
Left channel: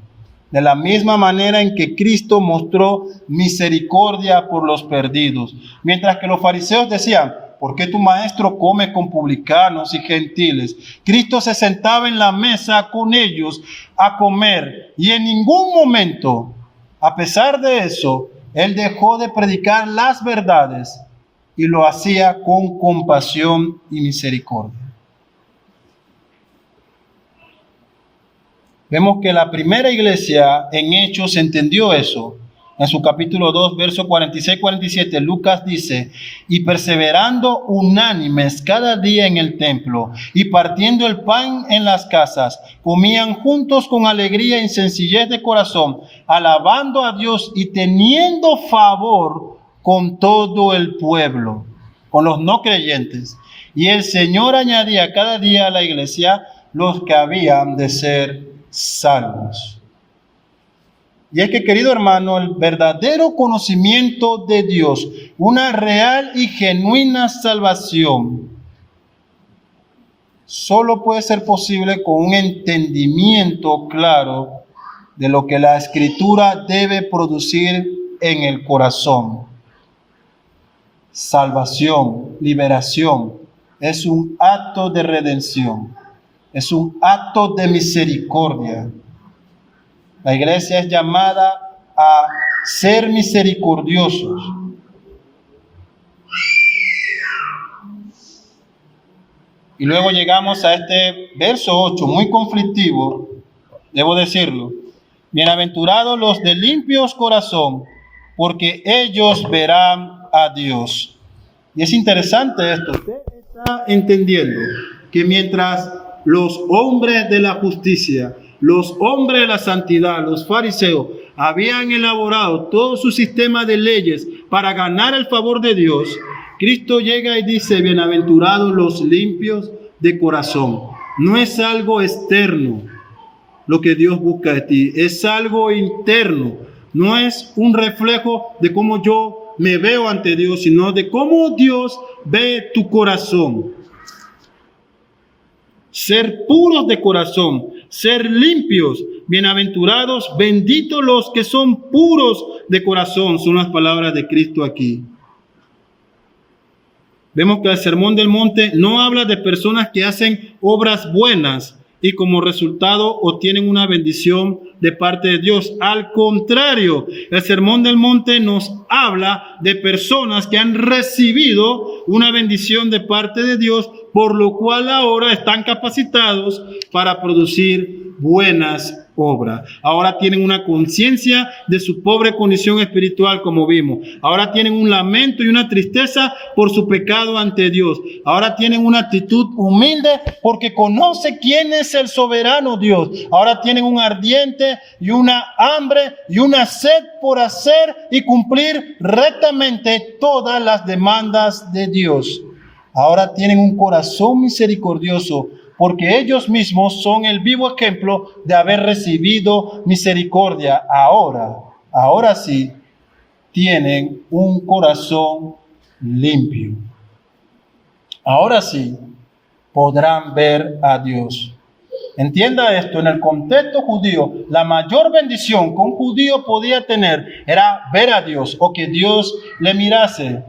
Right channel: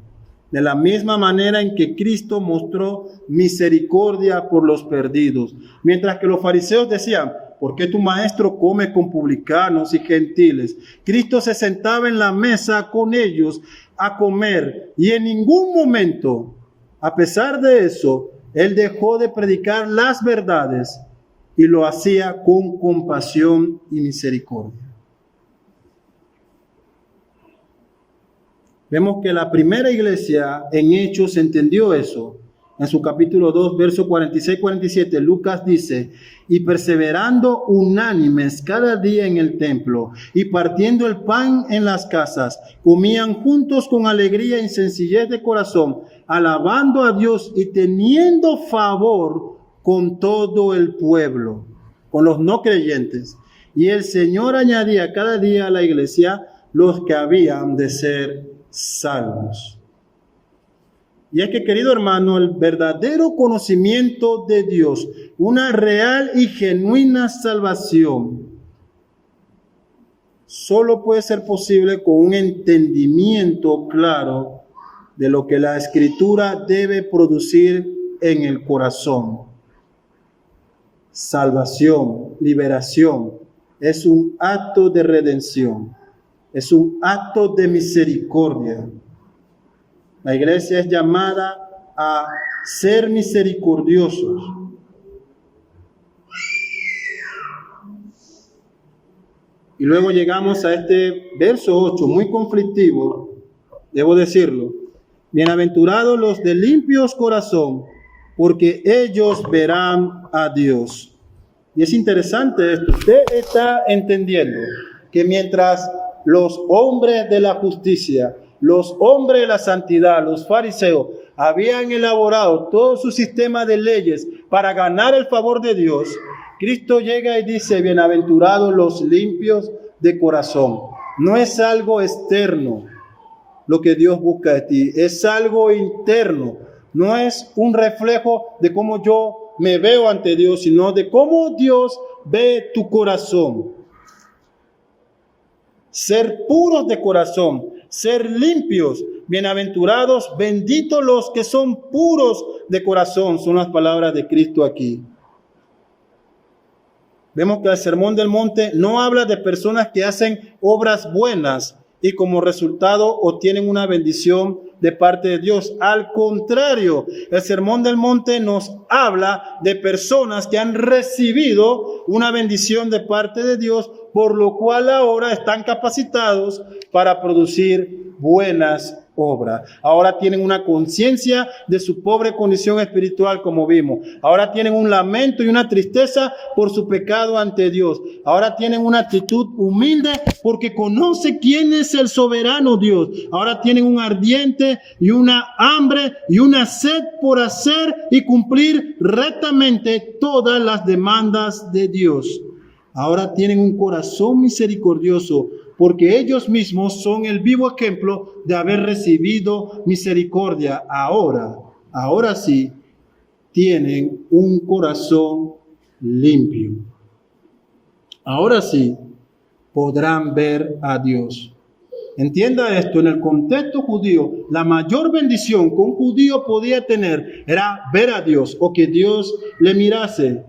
De la misma manera en que Cristo mostró misericordia por los perdidos. Mientras que los fariseos decían: ¿por qué tu maestro come con publicanos y gentiles? Cristo se sentaba en la mesa con ellos a comer, y en ningún momento, a pesar de eso, Él dejó de predicar las verdades y lo hacía con compasión y misericordia. Vemos que la primera iglesia en Hechos entendió eso. En su capítulo 2, verso 46-47, Lucas dice: y perseverando unánimes cada día en el templo, y partiendo el pan en las casas, comían juntos con alegría y sencillez de corazón, alabando a Dios y teniendo favor con todo el pueblo, con los no creyentes. Y el Señor añadía cada día a la iglesia los que habían de ser salvos. Y es que, querido hermano, el verdadero conocimiento de Dios, una real y genuina salvación, solo puede ser posible con un entendimiento claro de lo que la Escritura debe producir en el corazón. Salvación, liberación, es un acto de redención. Es un acto de misericordia. La iglesia es llamada a ser misericordiosos. Y luego llegamos a este verso 8, muy conflictivo, debo decirlo. Bienaventurados los de limpios corazón, porque ellos verán a Dios. Y es interesante esto. Usted está entendiendo que mientras los hombres de la justicia, los hombres de la santidad, los fariseos, habían elaborado todo su sistema de leyes para ganar el favor de Dios, Cristo llega y dice, bienaventurados los limpios de corazón. No es algo externo lo que Dios busca de ti, es algo interno. No es un reflejo de cómo yo me veo ante Dios, sino de cómo Dios ve tu corazón. Ser puros de corazón, ser limpios, bienaventurados, benditos los que son puros de corazón, son las palabras de Cristo aquí. Vemos que el Sermón del Monte no habla de personas que hacen obras buenas y como resultado obtienen una bendición de parte de Dios. Al contrario, el Sermón del Monte nos habla de personas que han recibido una bendición de parte de Dios, por lo cual ahora están capacitados para producir buenas obras. Ahora tienen una conciencia de su pobre condición espiritual, como vimos. Ahora tienen un lamento y una tristeza por su pecado ante Dios. Ahora tienen una actitud humilde porque conoce quién es el soberano Dios. Ahora tienen un ardiente y una hambre y una sed por hacer y cumplir rectamente todas las demandas de Dios. Ahora tienen un corazón misericordioso, porque ellos mismos son el vivo ejemplo de haber recibido misericordia. Ahora sí, tienen un corazón limpio. Ahora sí, podrán ver a Dios. Entienda esto, en el contexto judío, la mayor bendición que un judío podía tener era ver a Dios o que Dios le mirase.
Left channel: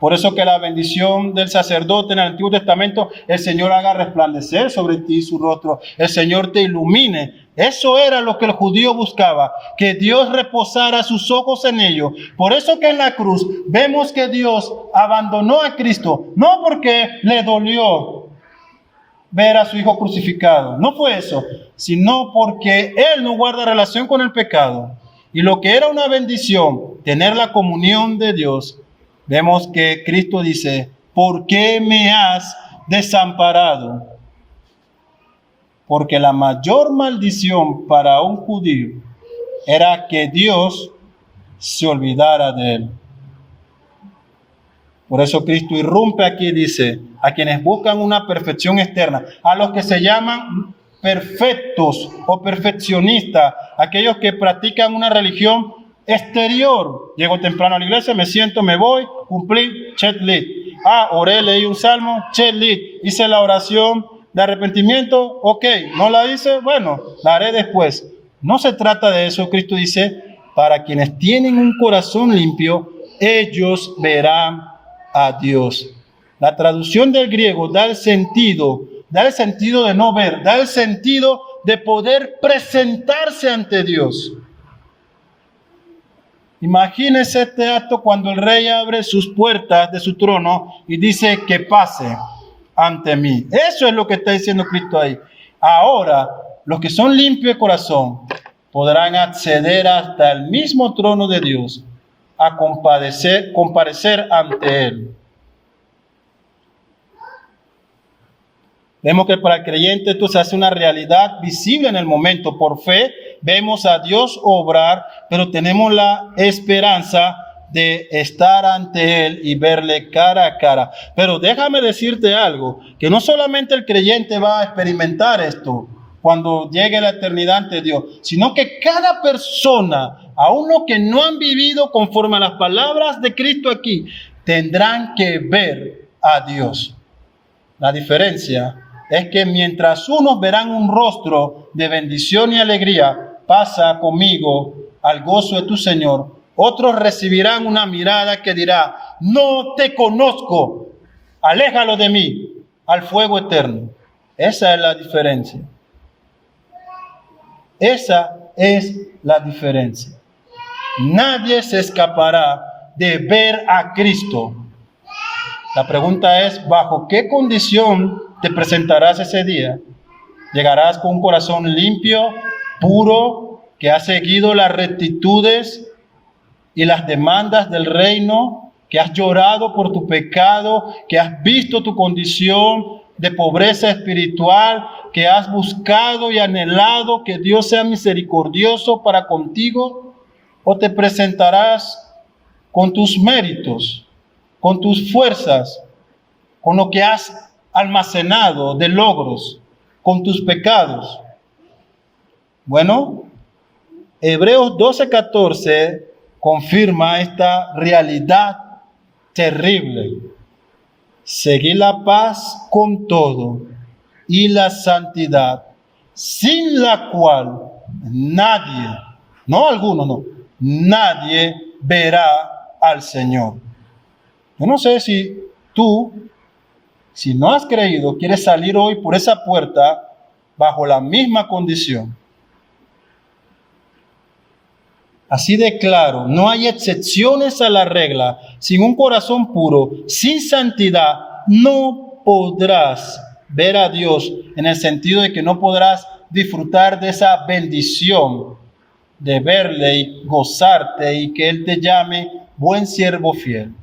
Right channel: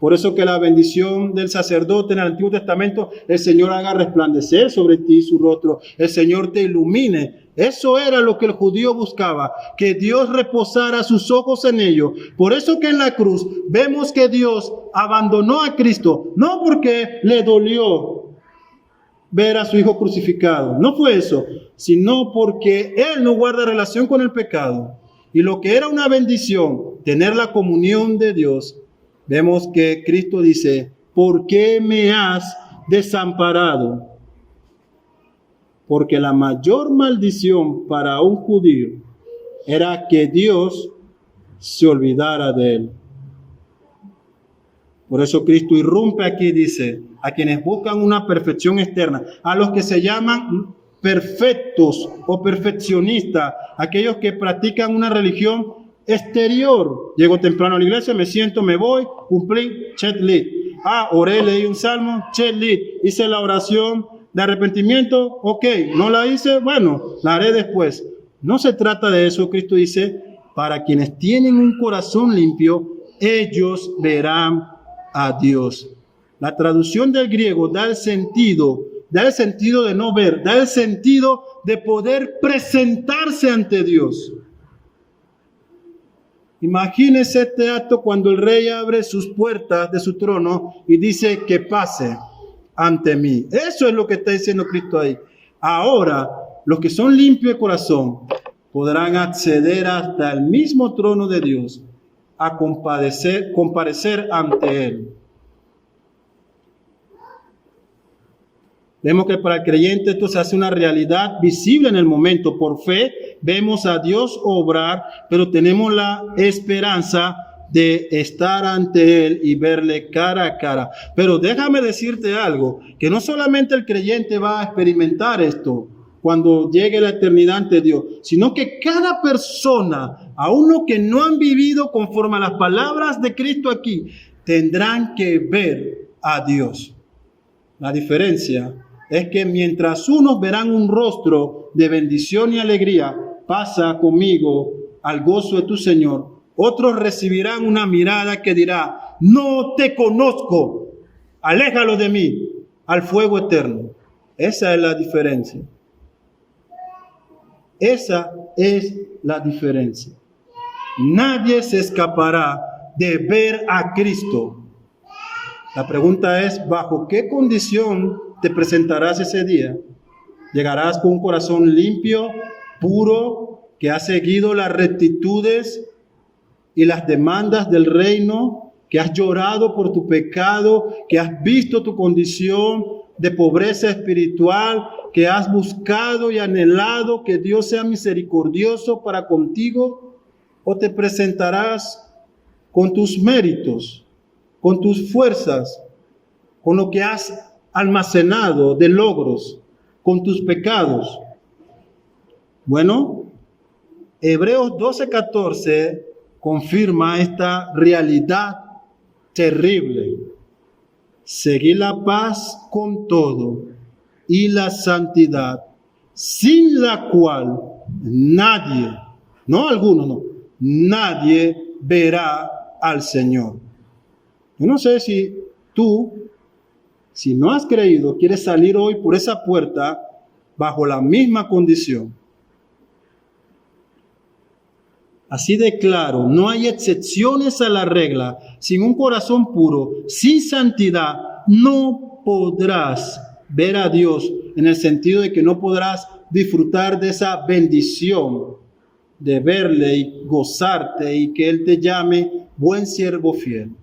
Por eso que la bendición del sacerdote en el Antiguo Testamento, el Señor haga resplandecer sobre ti su rostro, el Señor te ilumine. Eso era lo que el judío buscaba, que Dios reposara sus ojos en ellos. Por eso que en la cruz vemos que Dios abandonó a Cristo, no porque le dolió ver a su Hijo crucificado, no fue eso, sino porque Él no guarda relación con el pecado. Y lo que era una bendición, tener la comunión de Dios, vemos que Cristo dice, ¿por qué me has desamparado? Porque la mayor maldición para un judío era que Dios se olvidara de él. Por eso Cristo irrumpe aquí y dice, a quienes buscan una perfección externa, a los que se llaman perfectos o perfeccionistas, aquellos que practican una religión exterior. Llego temprano a la iglesia, me siento, me voy, cumplí, checklist. Oré, leí un salmo, checklist. Hice la oración de arrepentimiento, ok. No la hice, bueno, la haré después. No se trata de eso. Cristo dice, para quienes tienen un corazón limpio, ellos verán a Dios. La traducción del griego da el sentido de no ver, da el sentido de poder presentarse ante Dios. Imagínese este acto cuando el rey abre sus puertas de su trono y dice que pase ante mí. Eso es lo que está diciendo Cristo ahí. Ahora, los que son limpios de corazón podrán acceder hasta el mismo trono de Dios a comparecer ante Él. Vemos que para el creyente esto se hace una realidad visible en el momento. Por fe vemos a Dios obrar, pero tenemos la esperanza de estar ante Él y verle cara a cara. Pero déjame decirte algo, que no solamente el creyente va a experimentar esto cuando llegue la eternidad ante Dios, sino que cada persona, aun los que no han vivido conforme a las palabras de Cristo aquí, tendrán que ver a Dios. La diferencia es que mientras unos verán un rostro de bendición y alegría, pasa conmigo al gozo de tu Señor, otros recibirán una mirada que dirá, no te conozco, aléjalo de mí, al fuego eterno. Esa es la diferencia. Esa es la diferencia. Nadie se escapará de ver a Cristo. La pregunta es, ¿bajo qué condición te presentarás ese día. Llegarás con un corazón limpio, puro, que ha seguido las rectitudes y las demandas del reino, que has llorado por tu pecado, que has visto tu condición de pobreza espiritual, que has buscado y anhelado que Dios sea misericordioso para contigo, o te presentarás con tus méritos, con tus fuerzas, con lo que has almacenado de logros, con tus pecados. Bueno, Hebreos 12:14 confirma esta realidad terrible. Seguir la paz con todo y la santidad, sin la cual nadie, no alguno, no, nadie verá al Señor. Yo no sé si tú, si no has creído, quieres salir hoy por esa puerta bajo la misma condición. Así de claro, no hay excepciones a la regla. Sin un corazón puro, sin santidad, no podrás ver a Dios, en el sentido de que no podrás disfrutar de esa bendición de verle y gozarte y que Él te llame buen siervo fiel.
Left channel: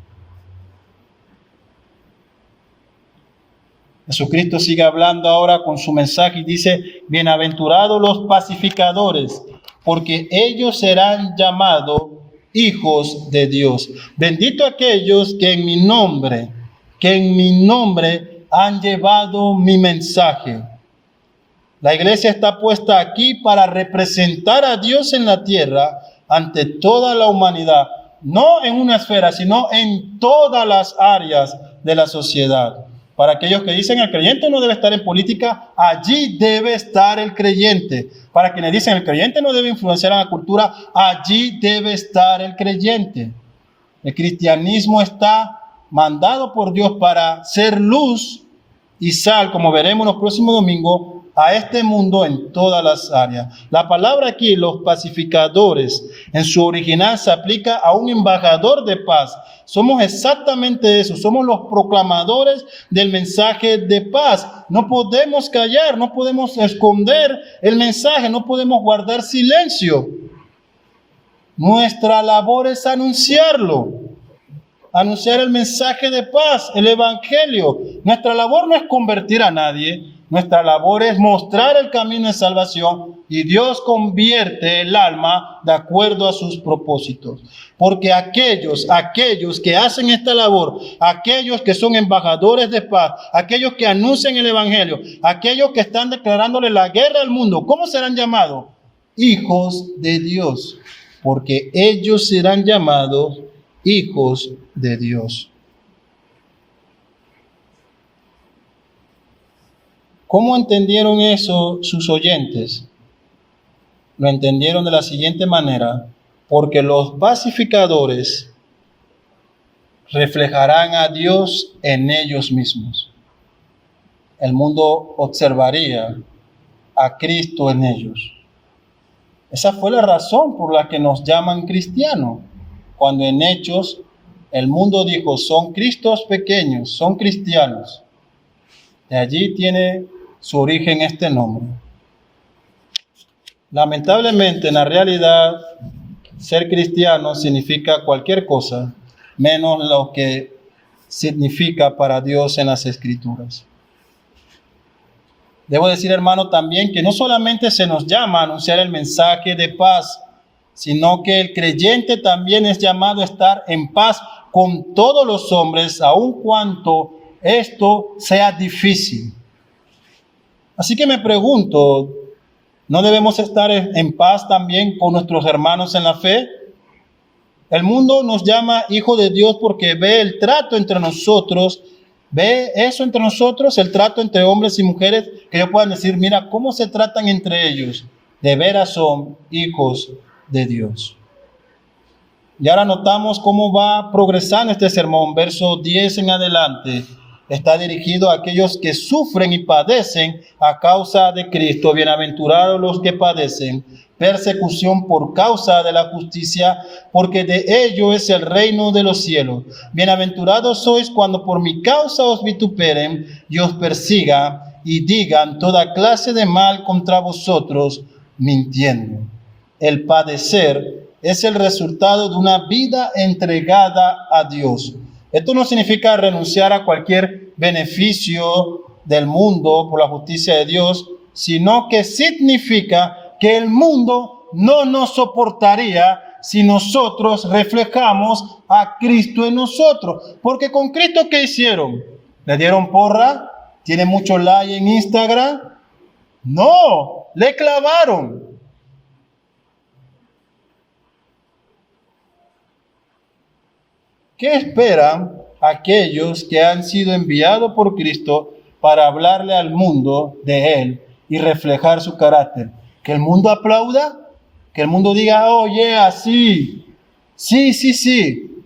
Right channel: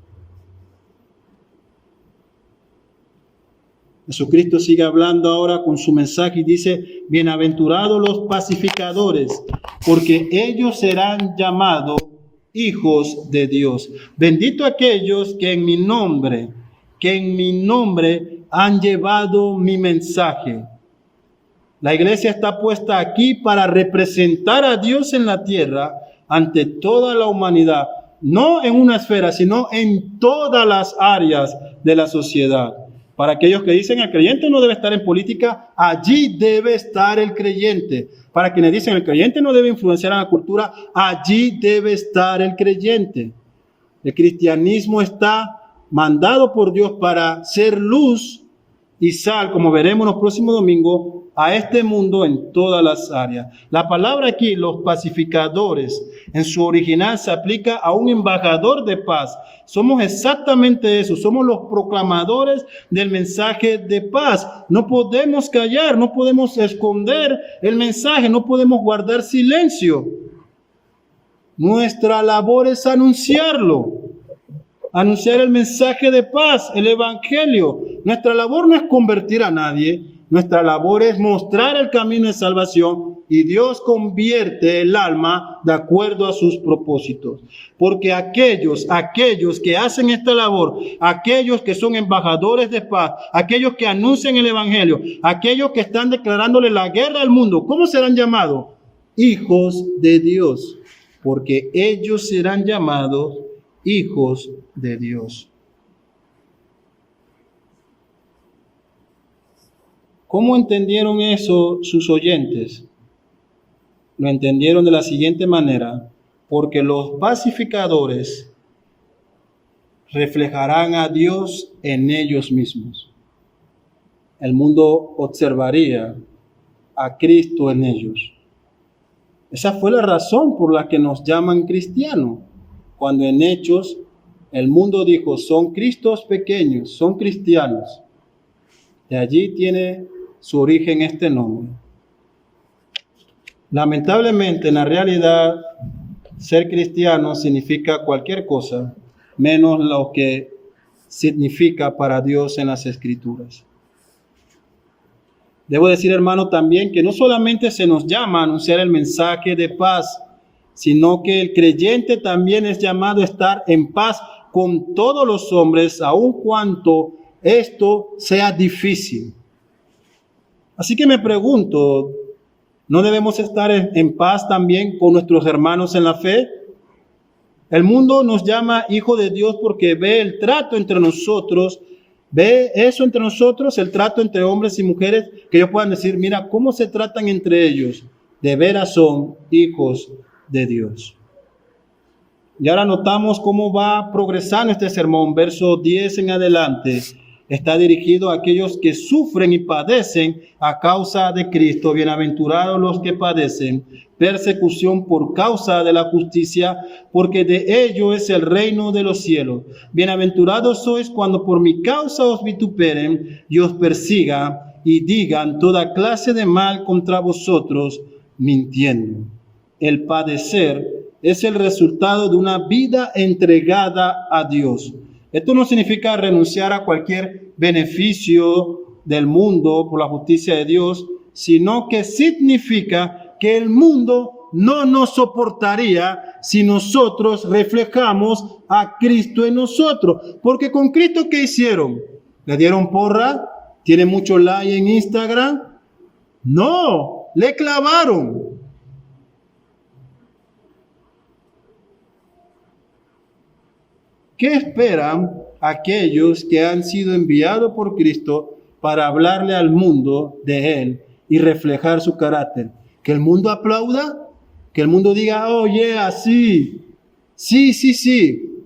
Jesucristo sigue hablando ahora con su mensaje y dice: bienaventurados los pacificadores, porque ellos serán llamados hijos de Dios. Bendito aquellos que en mi nombre han llevado mi mensaje. La iglesia está puesta aquí para representar a Dios en la tierra ante toda la humanidad, no en una esfera, sino en todas las áreas de la sociedad. Para aquellos que dicen el creyente no debe estar en política, allí debe estar el creyente. Para quienes dicen el creyente no debe influenciar en la cultura, allí debe estar el creyente. El cristianismo está mandado por Dios para ser luz y sal, como veremos los próximos domingos, a este mundo en todas las áreas. La palabra aquí, los pacificadores, en su original se aplica a un embajador de paz. Somos exactamente eso, somos los proclamadores del mensaje de paz. No podemos callar, no podemos esconder el mensaje, no podemos guardar silencio. Nuestra labor es anunciarlo. Anunciar el mensaje de paz, el evangelio. Nuestra labor no es convertir a nadie, nuestra labor es mostrar el camino de salvación y Dios convierte el alma de acuerdo a sus propósitos. Porque aquellos que hacen esta labor, aquellos que son embajadores de paz, aquellos que anuncian el evangelio, aquellos que están declarándole la guerra al mundo, ¿cómo serán llamados? Hijos de Dios, porque ellos serán llamados hijos de Dios. ¿Cómo entendieron eso sus oyentes? Lo entendieron de la siguiente manera: porque los pacificadores reflejarán a Dios en ellos mismos. El mundo observaría a Cristo en ellos. Esa fue la razón por la que nos llaman cristianos. Cuando en Hechos el mundo dijo: son Cristos pequeños, son cristianos. De allí tiene su origen este nombre. Lamentablemente, en la realidad, ser cristiano significa cualquier cosa, menos lo que significa para Dios en las Escrituras. Debo decir, hermano, también que no solamente se nos llama a anunciar el mensaje de paz, sino que el creyente también es llamado a estar en paz con todos los hombres, aun cuanto esto sea difícil. Así que me pregunto, ¿no debemos estar en paz también con nuestros hermanos en la fe? El mundo nos llama hijo de Dios porque ve el trato entre nosotros, ve eso entre nosotros, el trato entre hombres y mujeres, que ellos puedan decir: mira cómo se tratan entre ellos, de veras son hijos de Dios. Y ahora notamos cómo va progresando este sermón, verso 10 en adelante. está dirigido a aquellos que sufren y padecen a causa de Cristo. Bienaventurados los que padecen persecución por causa de la justicia, porque de ello es el reino de los cielos. Bienaventurados sois cuando por mi causa os vituperen y os persigan y digan toda clase de mal contra vosotros, mintiendo. El padecer es el resultado de una vida entregada a Dios. Esto no significa renunciar a cualquier beneficio del mundo por la justicia de Dios, sino que significa que el mundo no nos soportaría si nosotros reflejamos a Cristo en nosotros. Porque con Cristo, ¿qué hicieron? ¿Le dieron porra? ¿Tiene mucho like en Instagram? No, le clavaron. ¿Qué esperan aquellos que han sido enviados por Cristo para hablarle al mundo de Él y reflejar su carácter? ¿Que el mundo aplauda? ¿Que el mundo diga, oye, así? Sí.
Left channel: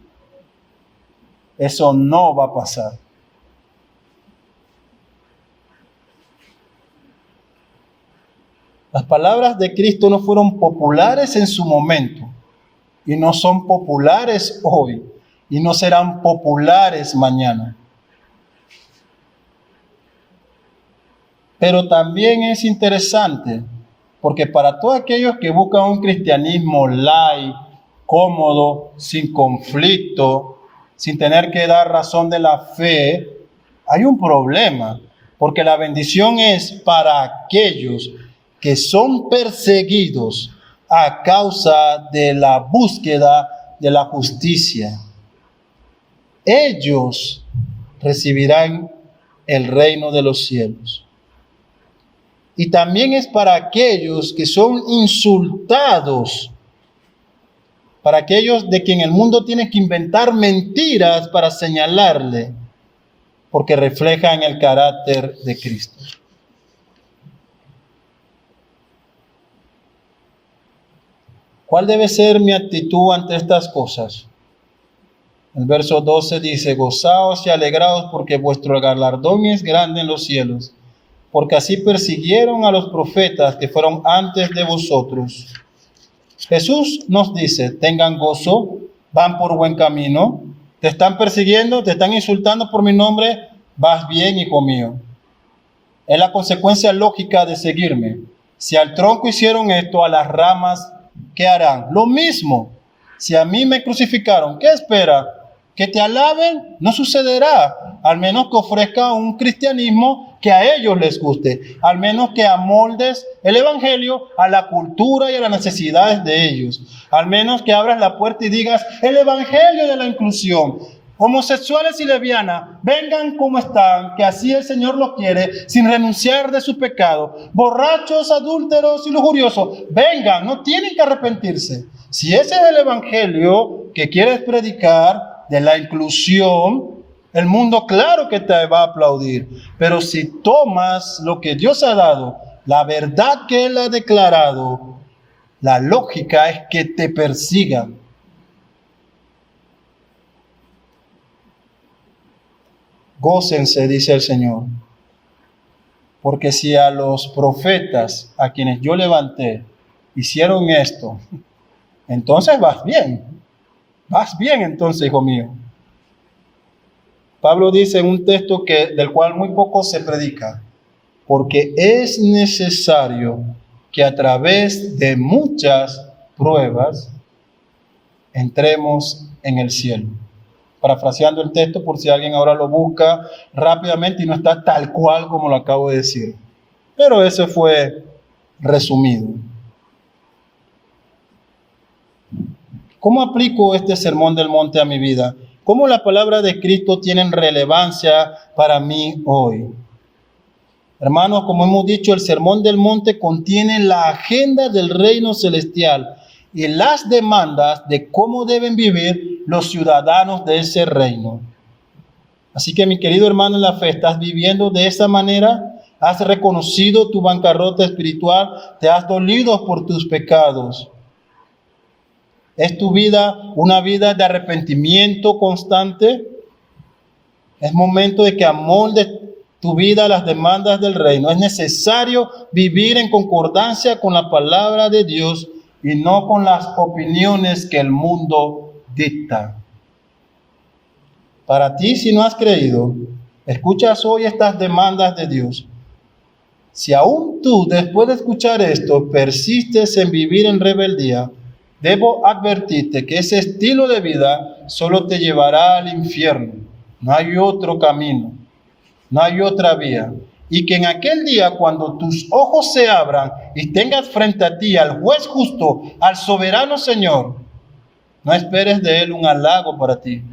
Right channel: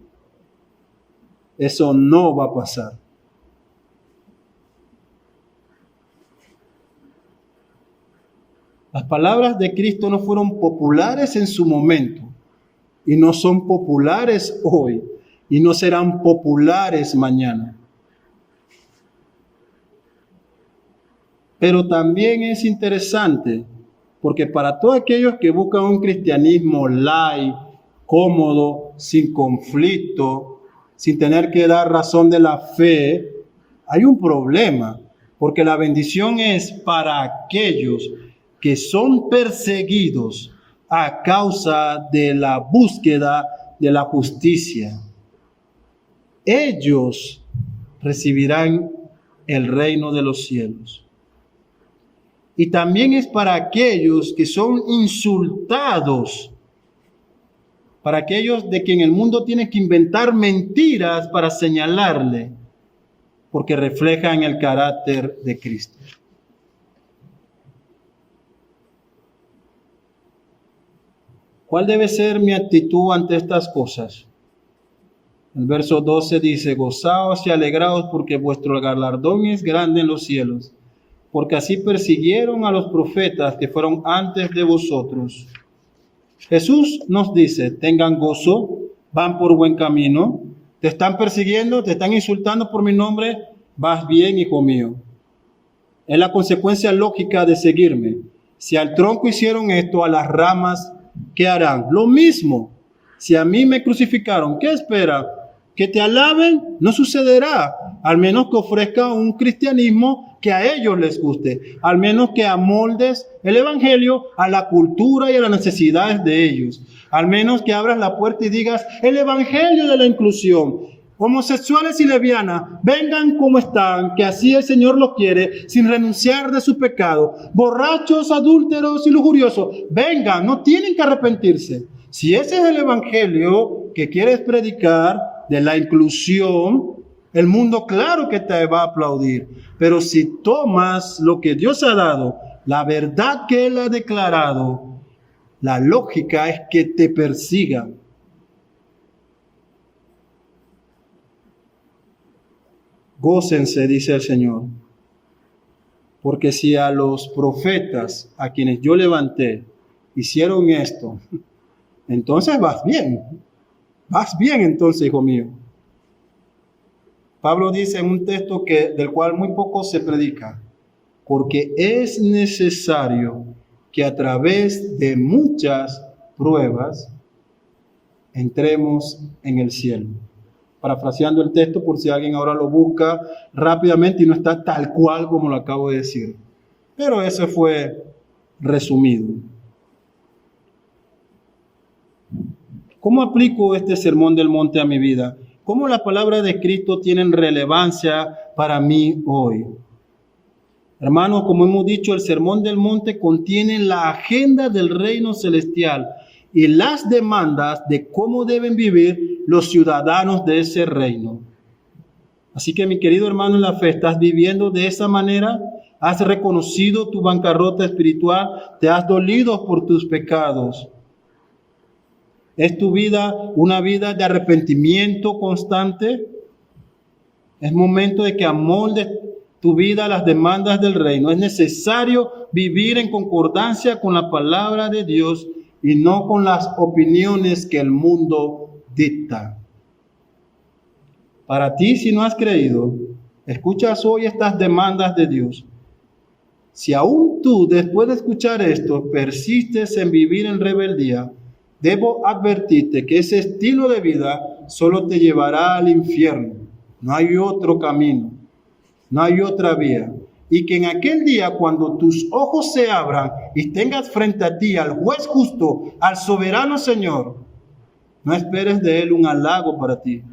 Eso no va a pasar. Las palabras de Cristo no fueron populares en su momento y no son populares hoy. Y no serán populares mañana. Pero también es interesante, porque para todos aquellos que buscan un cristianismo light, cómodo, sin conflicto, sin tener que dar razón de la fe, hay un problema, porque la bendición es para aquellos que son perseguidos a causa de la búsqueda de la justicia. Ellos recibirán el reino de los cielos. Y también es para aquellos que son insultados, para aquellos de quien el mundo tiene que inventar mentiras para señalarle, porque reflejan el carácter de Cristo. ¿Cuál debe ser mi actitud ante estas cosas? El verso 12 dice, gozaos y alegraos porque vuestro galardón es grande en los cielos, porque así persiguieron a los profetas que fueron antes de vosotros. Jesús nos dice, tengan gozo, van por buen camino, te están persiguiendo, te están insultando por mi nombre, vas bien, hijo mío. Es la consecuencia lógica de seguirme. Si al tronco hicieron esto, a las ramas, ¿qué harán? Lo mismo. Si a mí me crucificaron, ¿qué espera? Que te alaben, no sucederá, al menos que ofrezca un cristianismo que a ellos les guste, al menos que amoldes el evangelio a la cultura y a las necesidades de ellos, al menos que abras la puerta y digas el evangelio de la inclusión. Homosexuales y lesbianas, vengan como están, que así el Señor los quiere, sin renunciar de su pecado. Borrachos, adúlteros y lujuriosos, vengan, no tienen que arrepentirse. Si ese es el evangelio que quieres predicar, de la inclusión, el mundo claro que te va a aplaudir. Pero si tomas lo que Dios ha dado, la verdad que Él ha declarado, la lógica es que te persigan. Gócense, dice el Señor, porque si a los profetas a quienes yo levanté hicieron esto, entonces vas bien. Vas bien entonces, hijo mío. Pablo dice en un texto del cual muy poco se predica, porque es necesario que a través de muchas pruebas entremos en el cielo. Parafraseando el texto por si alguien ahora lo busca rápidamente y no está tal cual como lo acabo de decir. Pero ese fue resumido. ¿Cómo aplico este sermón del monte a mi vida? ¿Cómo la palabra de Cristo tiene relevancia para mí hoy? Hermanos, como hemos dicho, el sermón del monte contiene la agenda del reino celestial y las demandas de cómo deben vivir los ciudadanos de ese reino. Así que, mi querido hermano en la fe, ¿estás viviendo de esa manera? ¿Has reconocido tu bancarrota espiritual? ¿Te has dolido por tus pecados? ¿Es tu vida una vida de arrepentimiento constante? Es momento de que amoldes tu vida a las demandas del reino. Es necesario vivir en concordancia con la palabra de Dios y no con las opiniones que el mundo dicta. Para ti, si no has creído, escuchas hoy estas demandas de Dios. Si aún tú, después de escuchar esto, persistes en vivir en rebeldía, debo advertirte que ese estilo de vida solo te llevará al infierno. No hay otro camino, no hay otra vía. Y que en aquel día, cuando tus ojos se abran y tengas frente a ti al juez justo, al soberano Señor, no esperes de Él un halago para ti.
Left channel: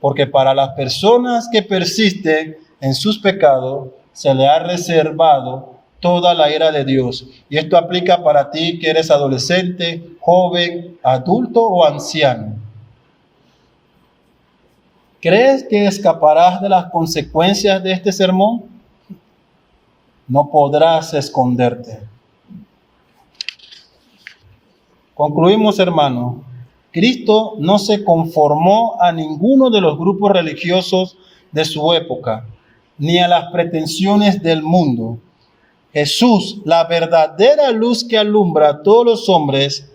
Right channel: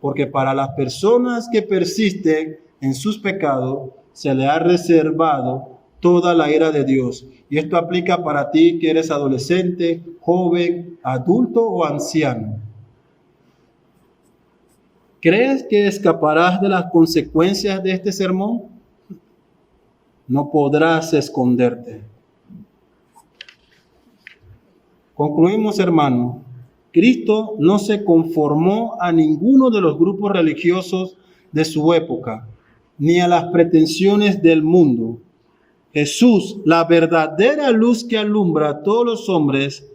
Porque para las personas que persisten en sus pecados, se le ha reservado toda la ira de Dios. Y esto aplica para ti que eres adolescente, joven, adulto o anciano. ¿Crees que escaparás de las consecuencias de este sermón? No podrás esconderte. Concluimos, hermano. Cristo no se conformó a ninguno de los grupos religiosos de su época, ni a las pretensiones del mundo. Jesús, la verdadera luz que alumbra a todos los hombres,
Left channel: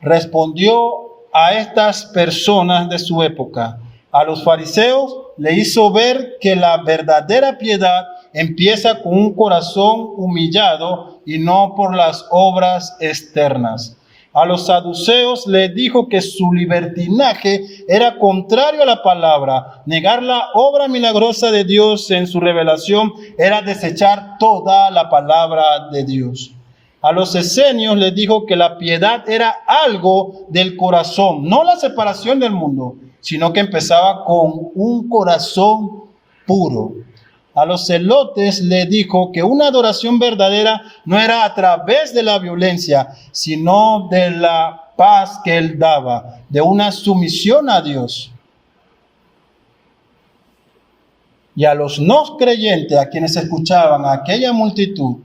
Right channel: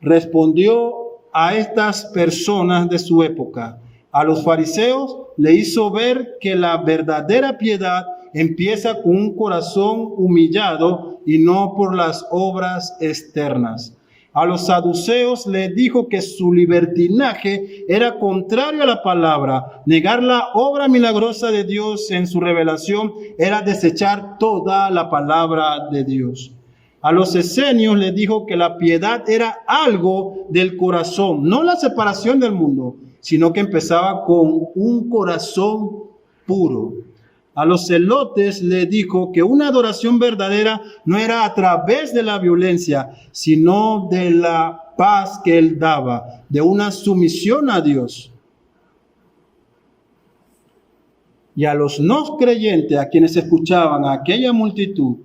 respondió a estas personas de su época. A los fariseos le hizo ver que la verdadera piedad empieza con un corazón humillado y no por las obras externas. A los saduceos les dijo que su libertinaje era contrario a la palabra. Negar la obra milagrosa de Dios en su revelación era desechar toda la palabra de Dios. A los esenios les dijo que la piedad era algo del corazón, no la separación del mundo, sino que empezaba con un corazón puro. A los celotes le dijo que una adoración verdadera no era a través de la violencia, sino de la paz que él daba, de una sumisión a Dios. Y a los no creyentes, a quienes escuchaban a aquella multitud,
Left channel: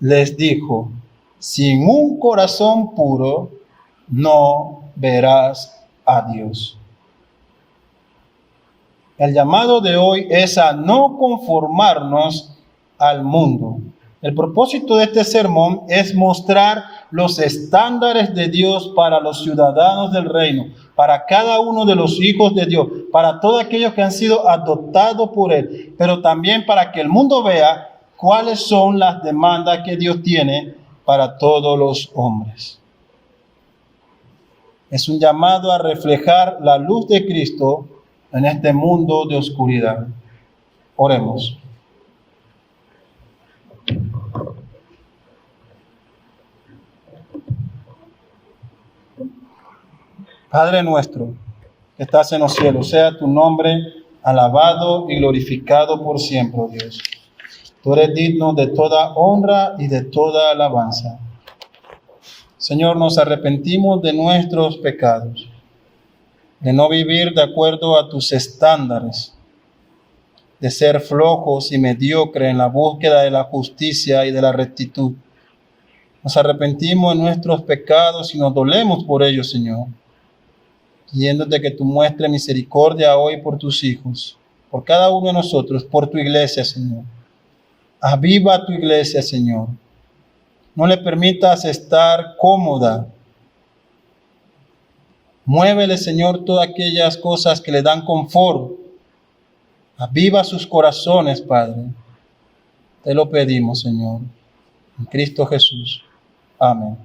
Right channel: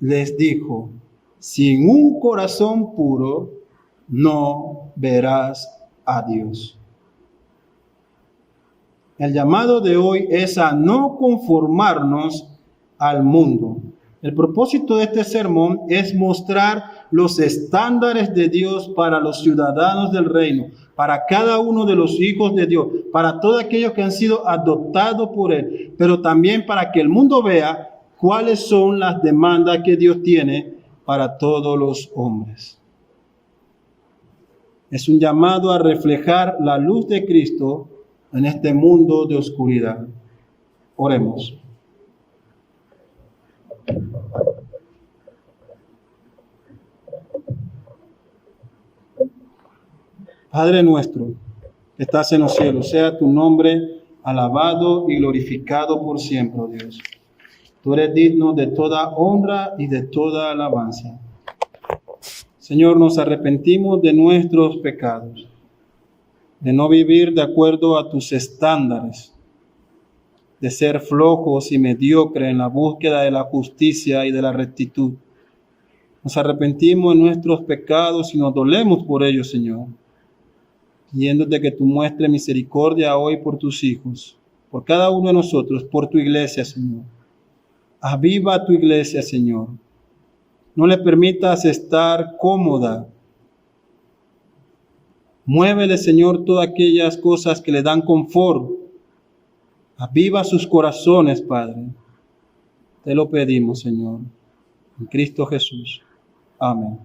les dijo: sin un corazón puro no verás a Dios. El llamado de hoy es a no conformarnos al mundo. El propósito de este sermón es mostrar los estándares de Dios para los ciudadanos del reino, para cada uno de los hijos de Dios, para todos aquellos que han sido adoptados por Él, pero también para que el mundo vea cuáles son las demandas que Dios tiene para todos los hombres. Es un llamado a reflejar la luz de Cristo en este mundo de oscuridad. Oremos. Padre nuestro, que estás en los cielos, sea tu nombre alabado y glorificado por siempre, oh Dios. Tú eres digno de toda honra y de toda alabanza. Señor, nos arrepentimos de nuestros pecados, de no vivir de acuerdo a tus estándares, de ser flojos y mediocres en la búsqueda de la justicia y de la rectitud. Nos arrepentimos de nuestros pecados y nos dolemos por ellos, Señor, pidiéndote que tú muestres misericordia hoy por tus hijos, por cada uno de nosotros, por tu iglesia, Señor. Aviva tu iglesia, Señor. No le permitas estar cómoda. Muévele, Señor, todas aquellas cosas que le dan confort. Aviva sus corazones, Padre. Te lo pedimos, Señor. En Cristo Jesús. Amén.